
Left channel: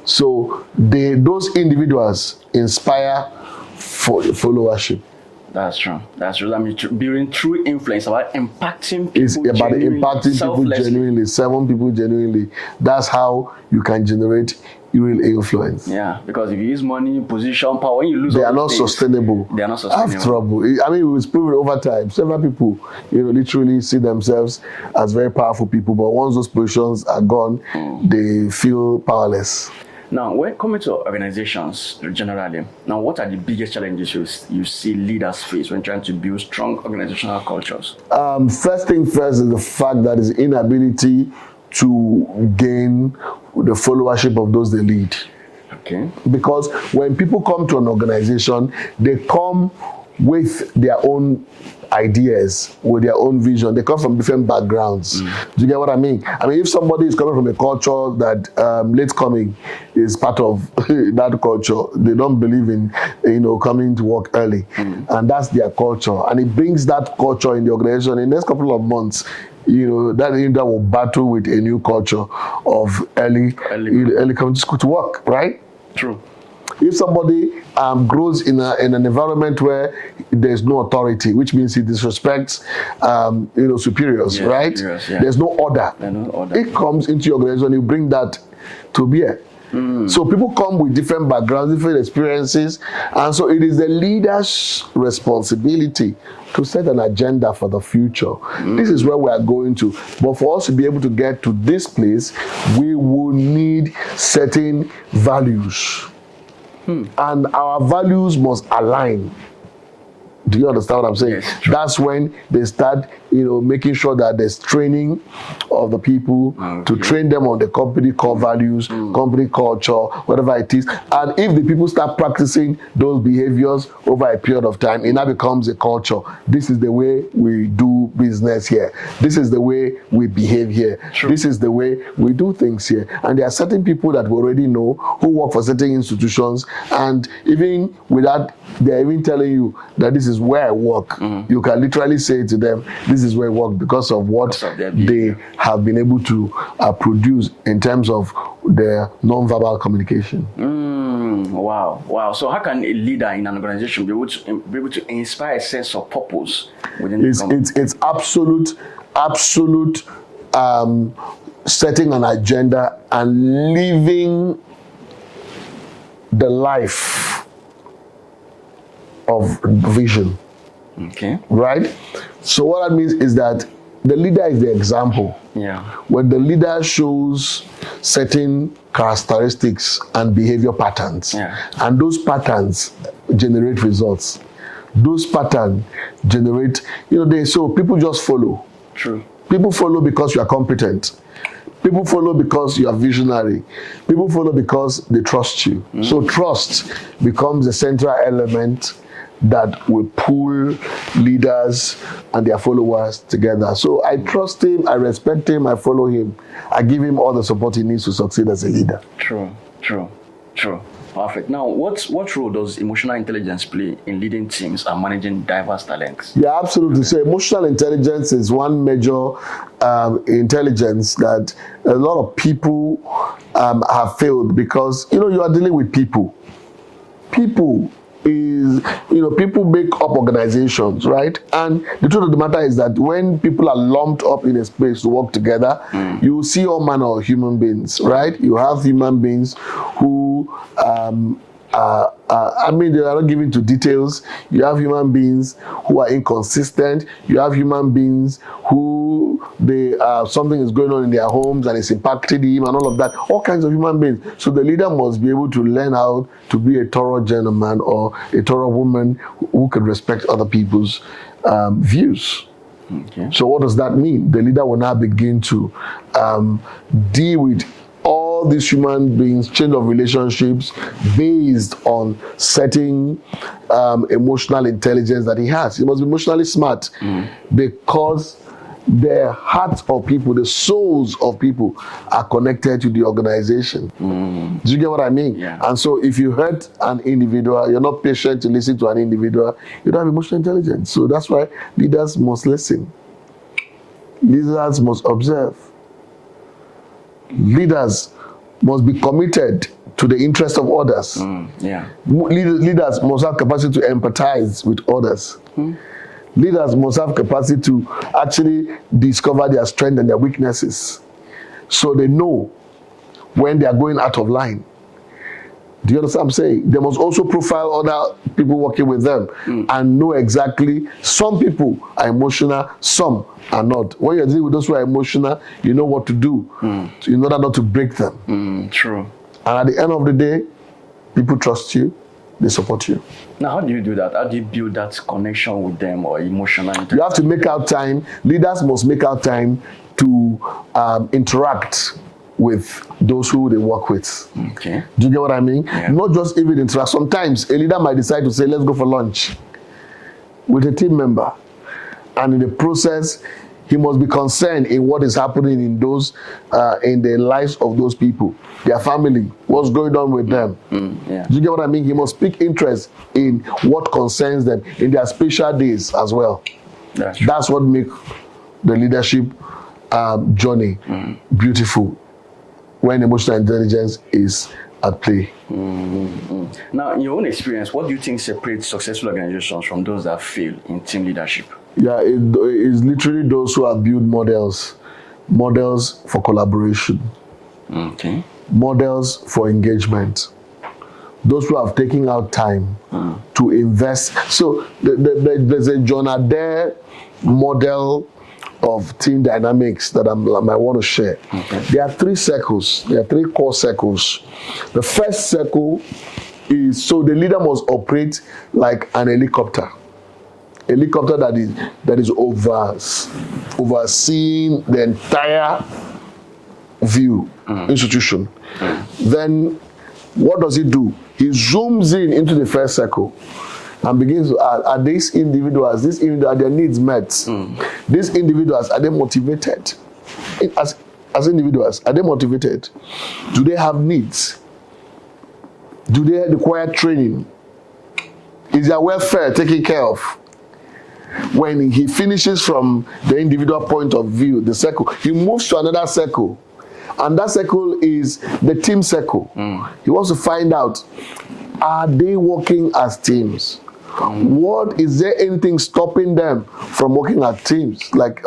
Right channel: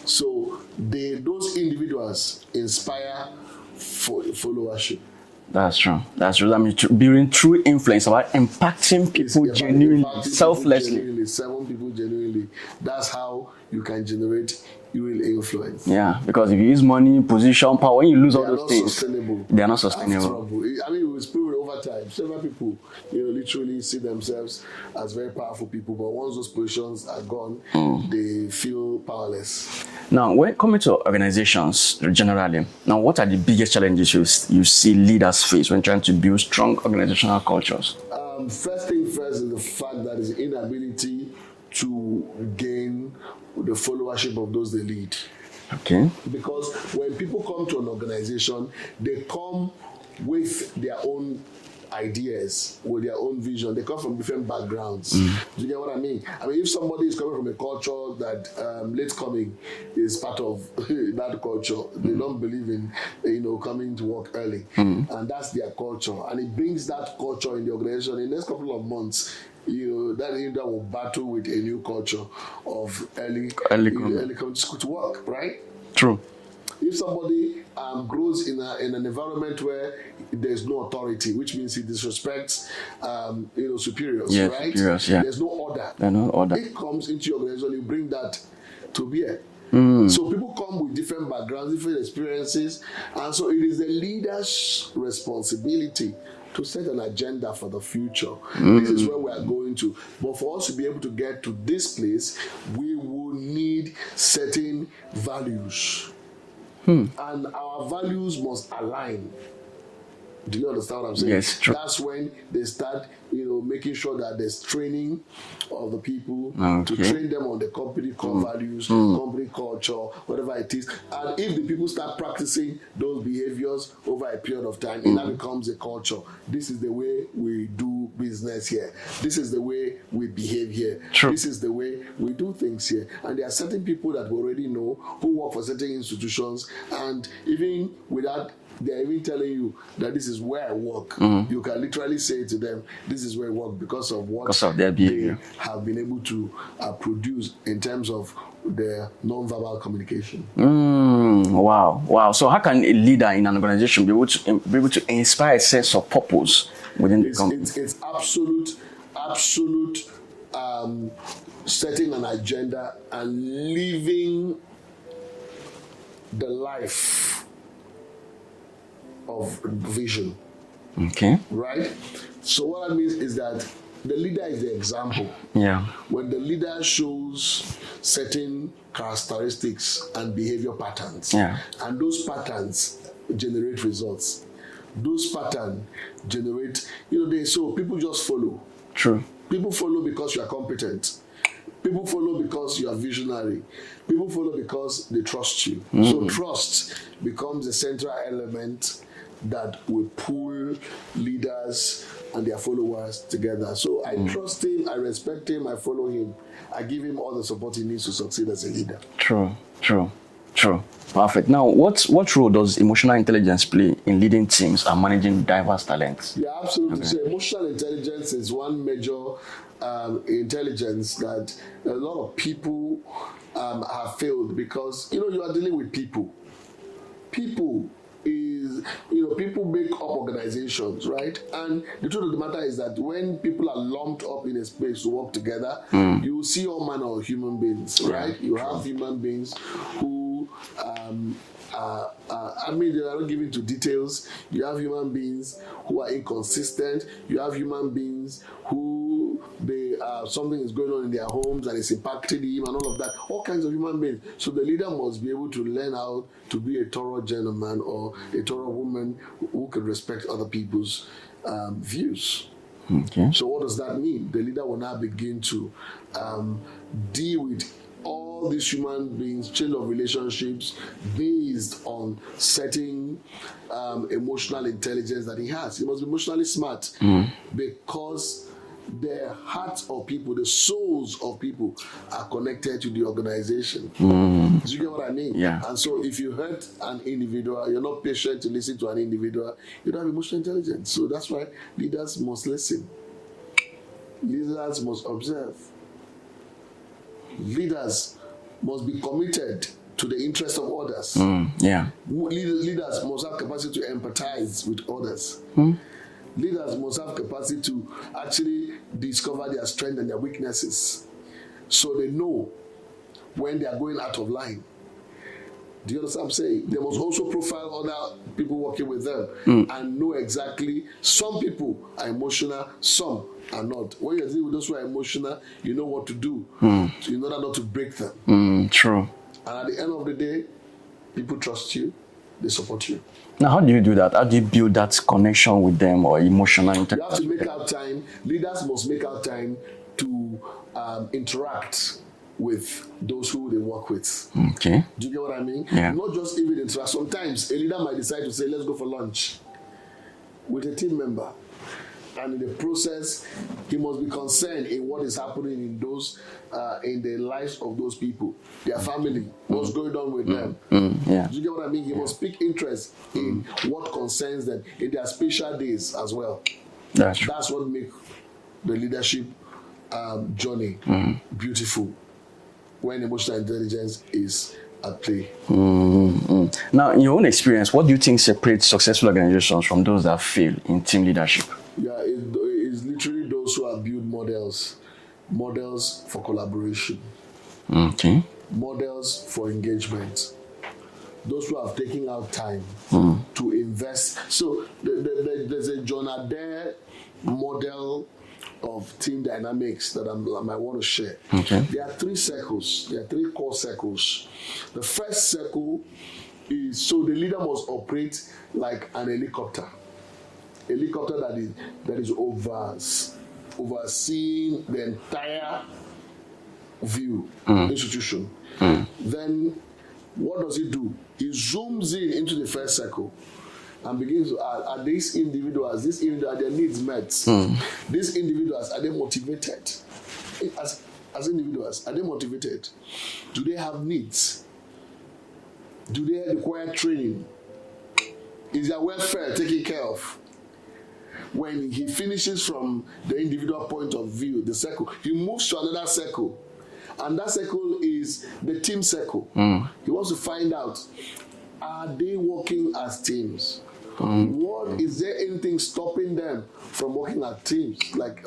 So those individuals inspire for followership. That's true. I mean, being true influence, about impacting people. It's about impacting people genuinely, 7 people genuinely. That's how you can generate real influence. Yeah, because if you use money, position, power, when you lose, they are not sustainable. They are not sustainable. Have trouble. I mean, it was proven over time. Several people, literally see themselves as very powerful people, but once those positions are gone, they feel powerless. Now, when coming to organizations generally, what are the biggest challenges you see leaders face when trying to build strong organizational cultures? First thing first is the fact that is inability to gain the followership of those they lead. Okay. Because when people come to an organization, they come with their own ideas, with their own vision. They come from different backgrounds. Do you get what I mean? I mean, if somebody is coming from a culture that late coming is part of that culture, they don't believe in, coming to work early. And that's their culture. And it brings that culture in the organization. In the next couple of months, that individual will battle with a new culture of early coming to school to work, right? True. If somebody grows in an environment where there's no authority, which means he disrespects, superiors, right? Superiors, yeah. There's no order. It comes into your organization, you bring that to bear. So people come with different backgrounds, different experiences, and so it is the leader's responsibility to set an agenda for the future. This is where we are going to. But for us to be able to get to this place, we will need certain values. And our values must align. Do you understand what I'm saying? Yes, true. That's when they start, making sure that there's training of the people to train them on the company core values, company culture, whatever it is. And if the people start practicing those behaviors over a period of time, it now becomes a culture. This is the way we do business here. This is the way we behave here. True. This is the way we do things here. And there are certain people that we already know who work for certain institutions, and even without, they're even telling you that this is where I work. You can literally say to them, this is where I work because of what they have been able to produce in terms of their non-verbal communication. Wow. So how can a leader in an organization be able to inspire a sense of purpose within the company? It's absolute setting an agenda and living the life of vision. Okay. Right? So what that means is that the leader is the example. Yeah. When the leader shows certain characteristics and behavior patterns, and those patterns generate results. Those patterns generate, so people just follow. True. People follow because you are competent. People follow because you are visionary. People follow because they trust you. So trust becomes the central element that will pull leaders and their followers together. So I trust him, I respect him, I follow him. I give him all the support he needs to succeed as a leader. True. Perfect. Now, what role does emotional intelligence play in leading teams and managing diverse talents? Yeah, absolutely. Okay. So emotional intelligence is one major intelligence that a lot of people have failed because, you are dealing with people. People make up organizations, right? And the truth of the matter is that when people are lumped up in a space to work together, you see all manner of human beings, right? You have human beings who, they are not given to details. You have human beings who are inconsistent. You have human beings who something is going on in their homes and it's impacted him and all of that. All kinds of human beings. So the leader must be able to learn how to be a thorough gentleman or a thorough woman who can respect other people's views. Okay. So what does that mean? The leader will now begin to deal with all these human beings, change of relationships based on certain emotional intelligence that he has. He must be emotionally smart because the hearts of people, the souls of people are connected to the organization. Do you get what I mean? Yeah. And so if you hurt an individual, you're not patient to listen to an individual, you don't have emotional intelligence. So that's why leaders must listen. Leaders must observe. Leaders must be committed to the interest of others. Leaders must have capacity to empathize with others. Leaders must have capacity to actually discover their strengths and their weaknesses so they know when they are going out of line. Do you understand what I'm saying? They must also profile other people working with them and know exactly some people are emotional, some are not. When you're dealing with those who are emotional, you know what to do in order not to break them. True. And at the end of the day, people trust you, they support you. Now, how do you do that? How do you build that connection with them or emotional interaction? You have to make out time. Leaders must make out time to interact with those who they work with. Okay. Do you get what I mean? Yeah. Not just even interact. Sometimes a leader might decide to say, let's go for lunch with a team member. And in the process, he must be concerned in what is happening in those, in the lives of those people, their family, what's going on with them. Yeah. Do you get what I mean? He must speak interest in what concerns them in their special days as well. That's what makes the leadership journey beautiful when emotional intelligence is at play. Now, in your own experience, what do you think separates successful organizations from those that fail in team leadership? Yeah, it's literally those who have built models for collaboration, models for engagement, those who have taken out time to invest. So there's a John Adair model of team dynamics that I might want to share. There are 3 circles. There are 3 core circles. The first circle is, so the leader must operate like an helicopter. A helicopter that is overseeing the entire view institution. Then what does he do? He zooms into the first circle and begins to ask, are these individuals, are their needs met? These individuals, are they motivated? As individuals, are they motivated? Do they have needs? Do they require training? Is their welfare taken care of? When he finishes from the individual point of view, the circle, he moves to another circle And that circle is the team circle. He wants to find out, are they working as teams? What is there anything stopping them from working as teams? Like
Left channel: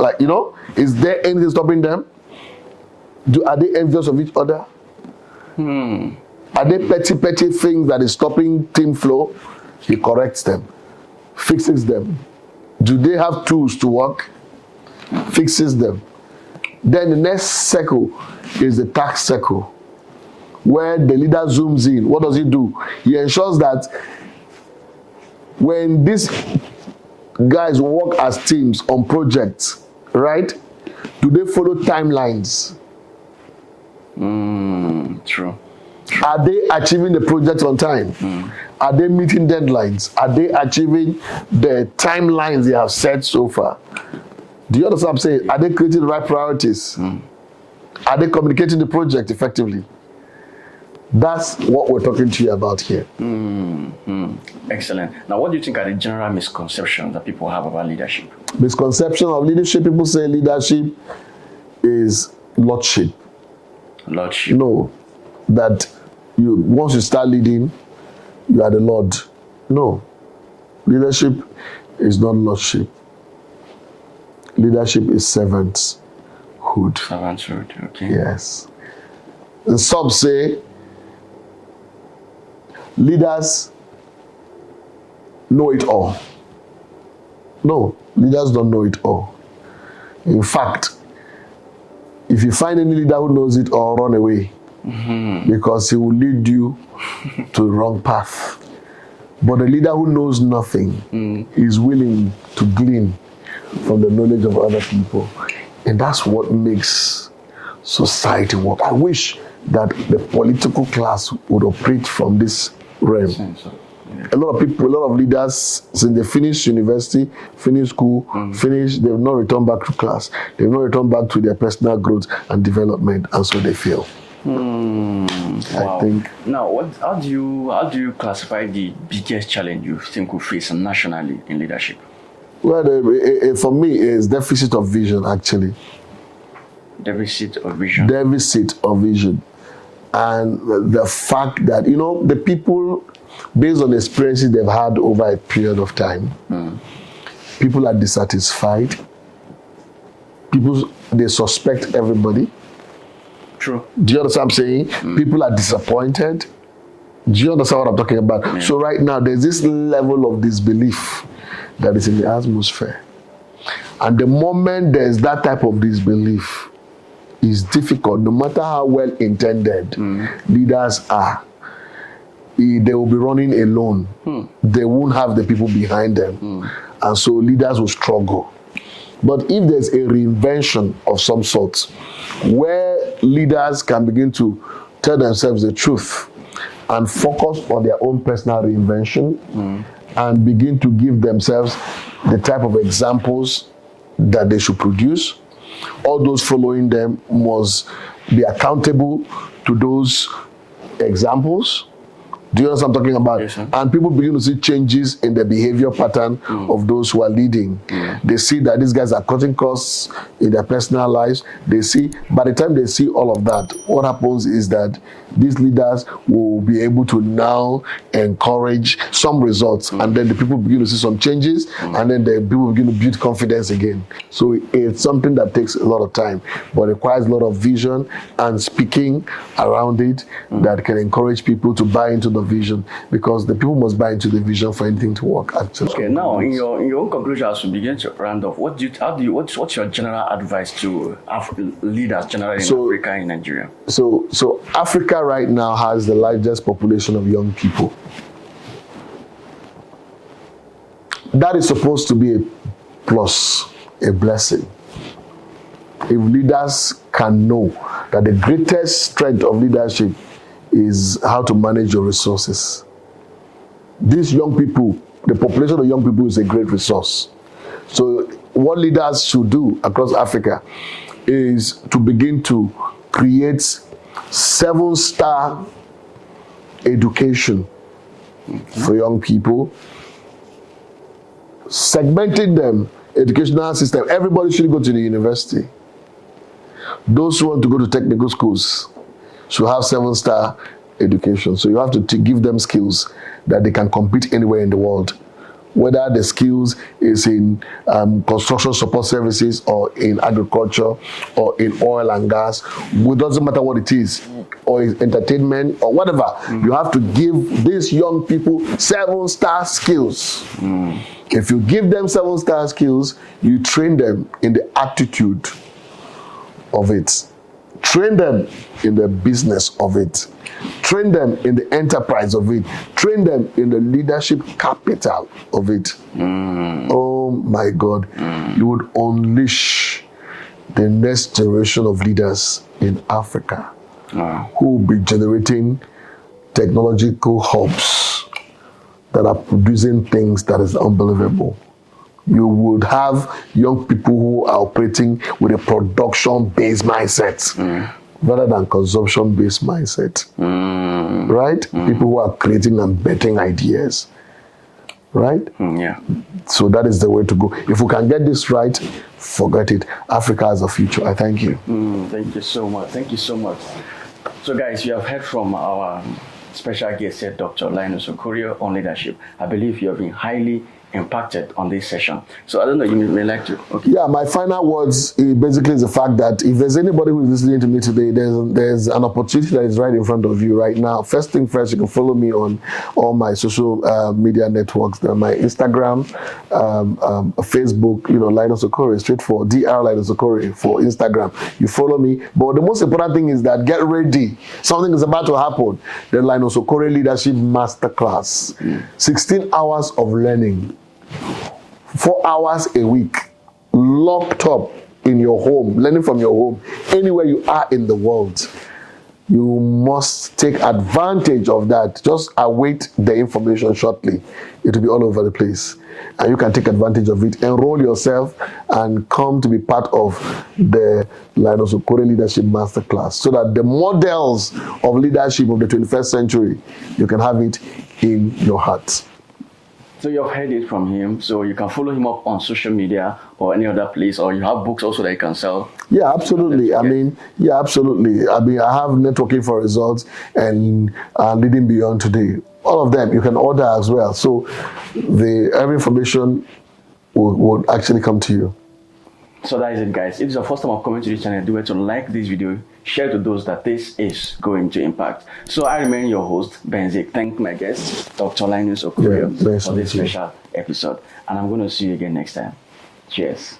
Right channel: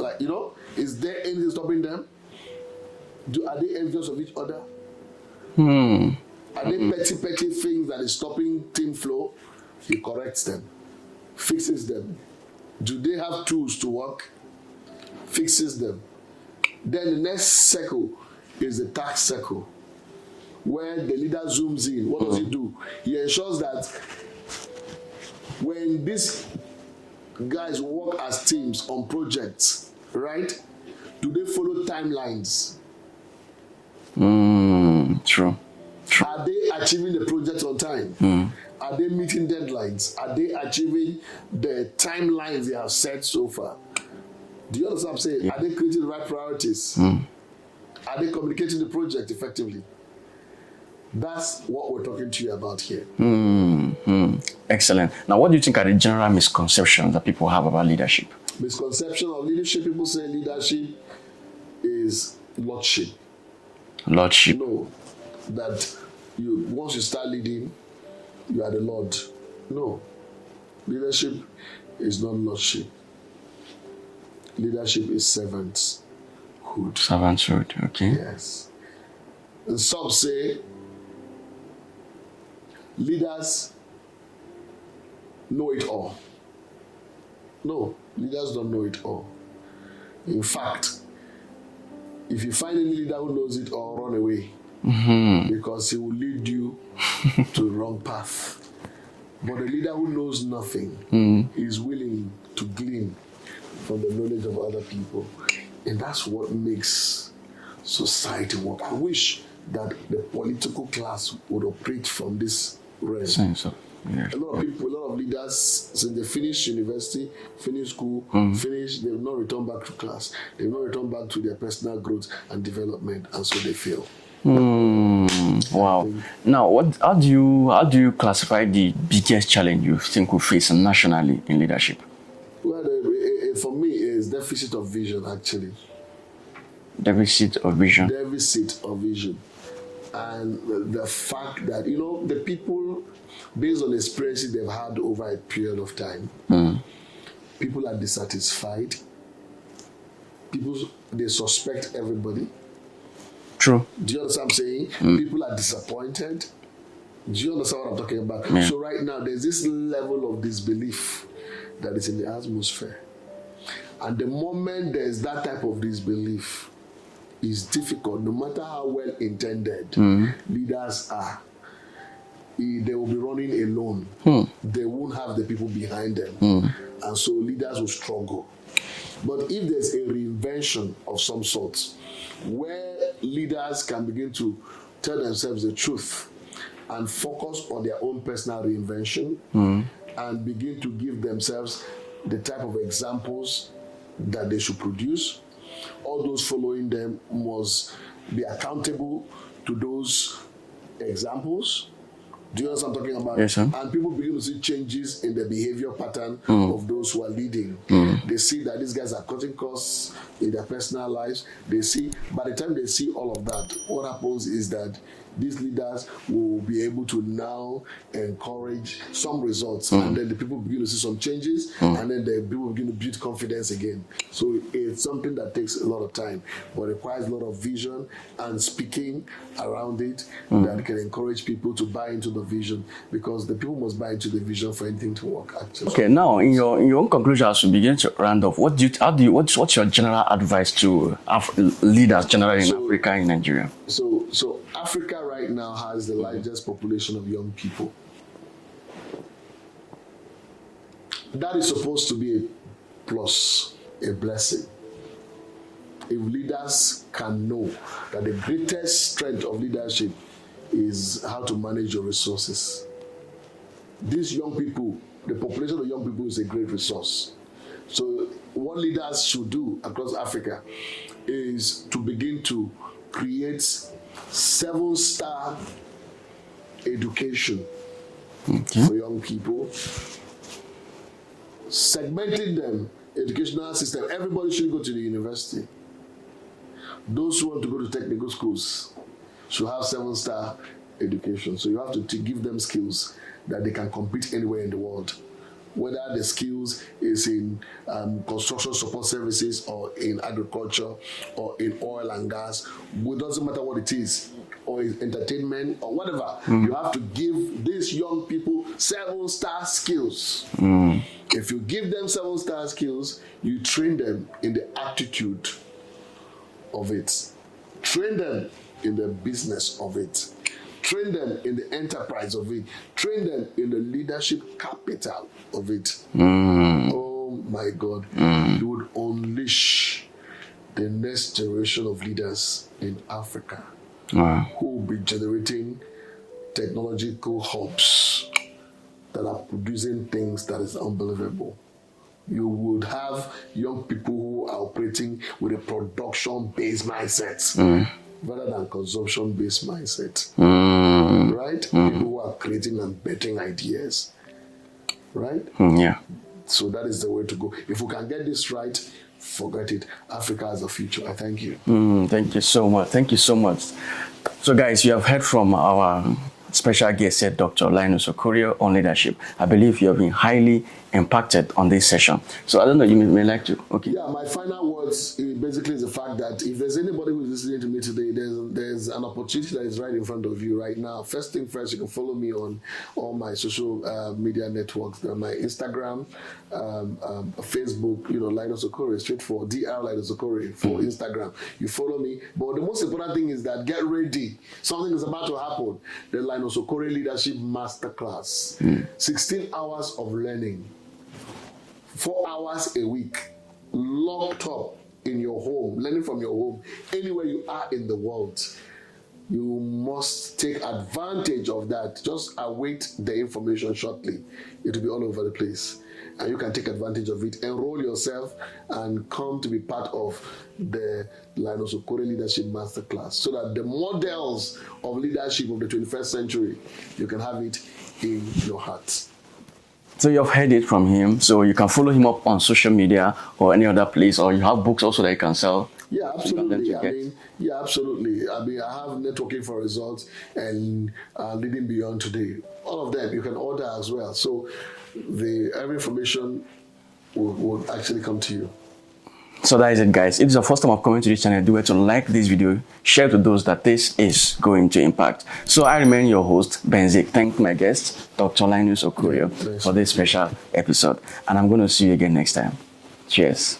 is there anything stopping them? Are they envious of each other? Are they petty things that is stopping team flow? He corrects them, fixes them. Do they have tools to work? Fixes them. Then the next circle is the task circle, where the leader zooms in. What does he do? He ensures that when these guys work as teams on projects, right? Do they follow timelines? True. Are they achieving the project on time? Are they meeting deadlines? Are they achieving the timelines they have set so far? Do you understand what I'm saying? Are they creating the right priorities? Are they communicating the project effectively? That's what we're talking to you about here. Excellent. Now, what do you think are the general misconceptions that people have about leadership? Misconception of leadership, people say leadership is lordship. Lordship. No, that once you start leading, you are the Lord. No, leadership is not lordship. Leadership is servanthood. Servanthood, okay. Yes. And some say leaders know it all. No, leaders don't know it all. In fact, if you find any leader who knows it all, run away. Because he will lead you to the wrong path. But a leader who knows nothing is willing to glean from the knowledge of other people. And that's what makes society work. I wish that the political class would operate from this realm. A lot of people, a lot of leaders, since they finish university, finish school, they've not returned back to class. They've not returned back to their personal growth and development, and so they fail. Wow. I think. Now, how do you classify the biggest challenge you think we face nationally in leadership? Well, for me, it's deficit of vision, actually. Deficit of vision. Deficit of vision. And the fact that, the people, based on the experiences they've had over a period of time, people are dissatisfied. People, they suspect everybody. True. Do you understand what I'm saying? People are disappointed. Do you understand what I'm talking about? Yeah. So right now, there's this level of disbelief that is in the atmosphere. And the moment there's that type of disbelief, it's difficult, no matter how well intended leaders are. They will be running alone. They won't have the people behind them. And so leaders will struggle. But if there's a reinvention of some sort, where leaders can begin to tell themselves the truth and focus on their own personal reinvention and begin to give themselves the type of examples that they should produce, all those following them must be accountable to those examples. Do you know what I'm talking about? Yes, sir. And people begin to see changes in the behavior pattern of those who are leading. They see that these guys are cutting costs in their personal lives. They see, by the time they see all of that, what happens is that these leaders will be able to now encourage some results, and then the people begin to see some changes, and then the people begin to build confidence again. So it's something that takes a lot of time, but requires a lot of vision and speaking around it that can encourage people to buy into the vision, because the people must buy into the vision for anything to work, actually. Okay, now in your own conclusion, as we begin to round off, what's your general advice to leaders generally in Africa and Nigeria? So Africa right now has the largest population of young people. That is supposed to be a plus, a blessing. If leaders can know that the greatest strength of leadership is how to manage your resources. These young people, the population of young people is a great resource. So what leaders should do across Africa is to begin to create 7-star education for young people, segmenting them, educational system. Everybody should go to the university. Those who want to go to technical schools should have 7-star education. So you have to give them skills that they can compete anywhere in the world. Whether the skills is in construction support services or in agriculture or in oil and gas, it doesn't matter what it is, or in entertainment or whatever. You have to give these young people 7-star skills. If you give them 7-star skills, you train them in the attitude of it. Train them in the business of it. Train them in the enterprise of it. Train them in the leadership capital of it. Oh my God. You would unleash the next generation of leaders in Africa who will be generating technological hubs that are producing things that is unbelievable. You would have young people who are operating with a production-based mindset rather than consumption-based mindset. Right? People who are creating and betting ideas. Right? Yeah. So that is the way to go. If we can get this right, forget it. Africa has a future. I thank you. Thank you so much. Thank you so much. So guys, you have heard from our special guest here, Dr. Linus Okorie, on leadership. I believe you have been highly impacted on this session. So I don't know, you may like to. Okay. Yeah, my final words basically is the fact that if there's anybody who is listening to me today, there's an opportunity that is right in front of you right now. First thing first, you can follow me on all my social media networks. My Instagram, Facebook, Linus Okorie, straight for Dr. Linus Okorie for Instagram. You follow me. But the most important thing is that get ready. Something is about to happen. The Linus Okorie Leadership Masterclass. 16 hours of learning. 4 hours a week, locked up in your home, learning from your home, anywhere you are in the world. You must take advantage of that. Just await the information shortly. It will be all over the place. And you can take advantage of it. Enroll yourself and come to be part of the Linus Okorie Leadership Masterclass so that the models of leadership of the 21st century, you can have it in your heart. So you've heard it from him. So you can follow him up on social media or any other place, or you have books also that you can sell. Yeah, absolutely. I absolutely. I have Networking for Results and Leading Beyond Today. All of them you can order as well. So every information will actually come to you. So that is it, guys. If it's your first time of coming to this channel, do well to like this video, share to those that this is going to impact. So I remain your host, Benzik. Thank my guest, Dr. Linus Okorie, for this special episode. And I'm going to see you again next time. Cheers.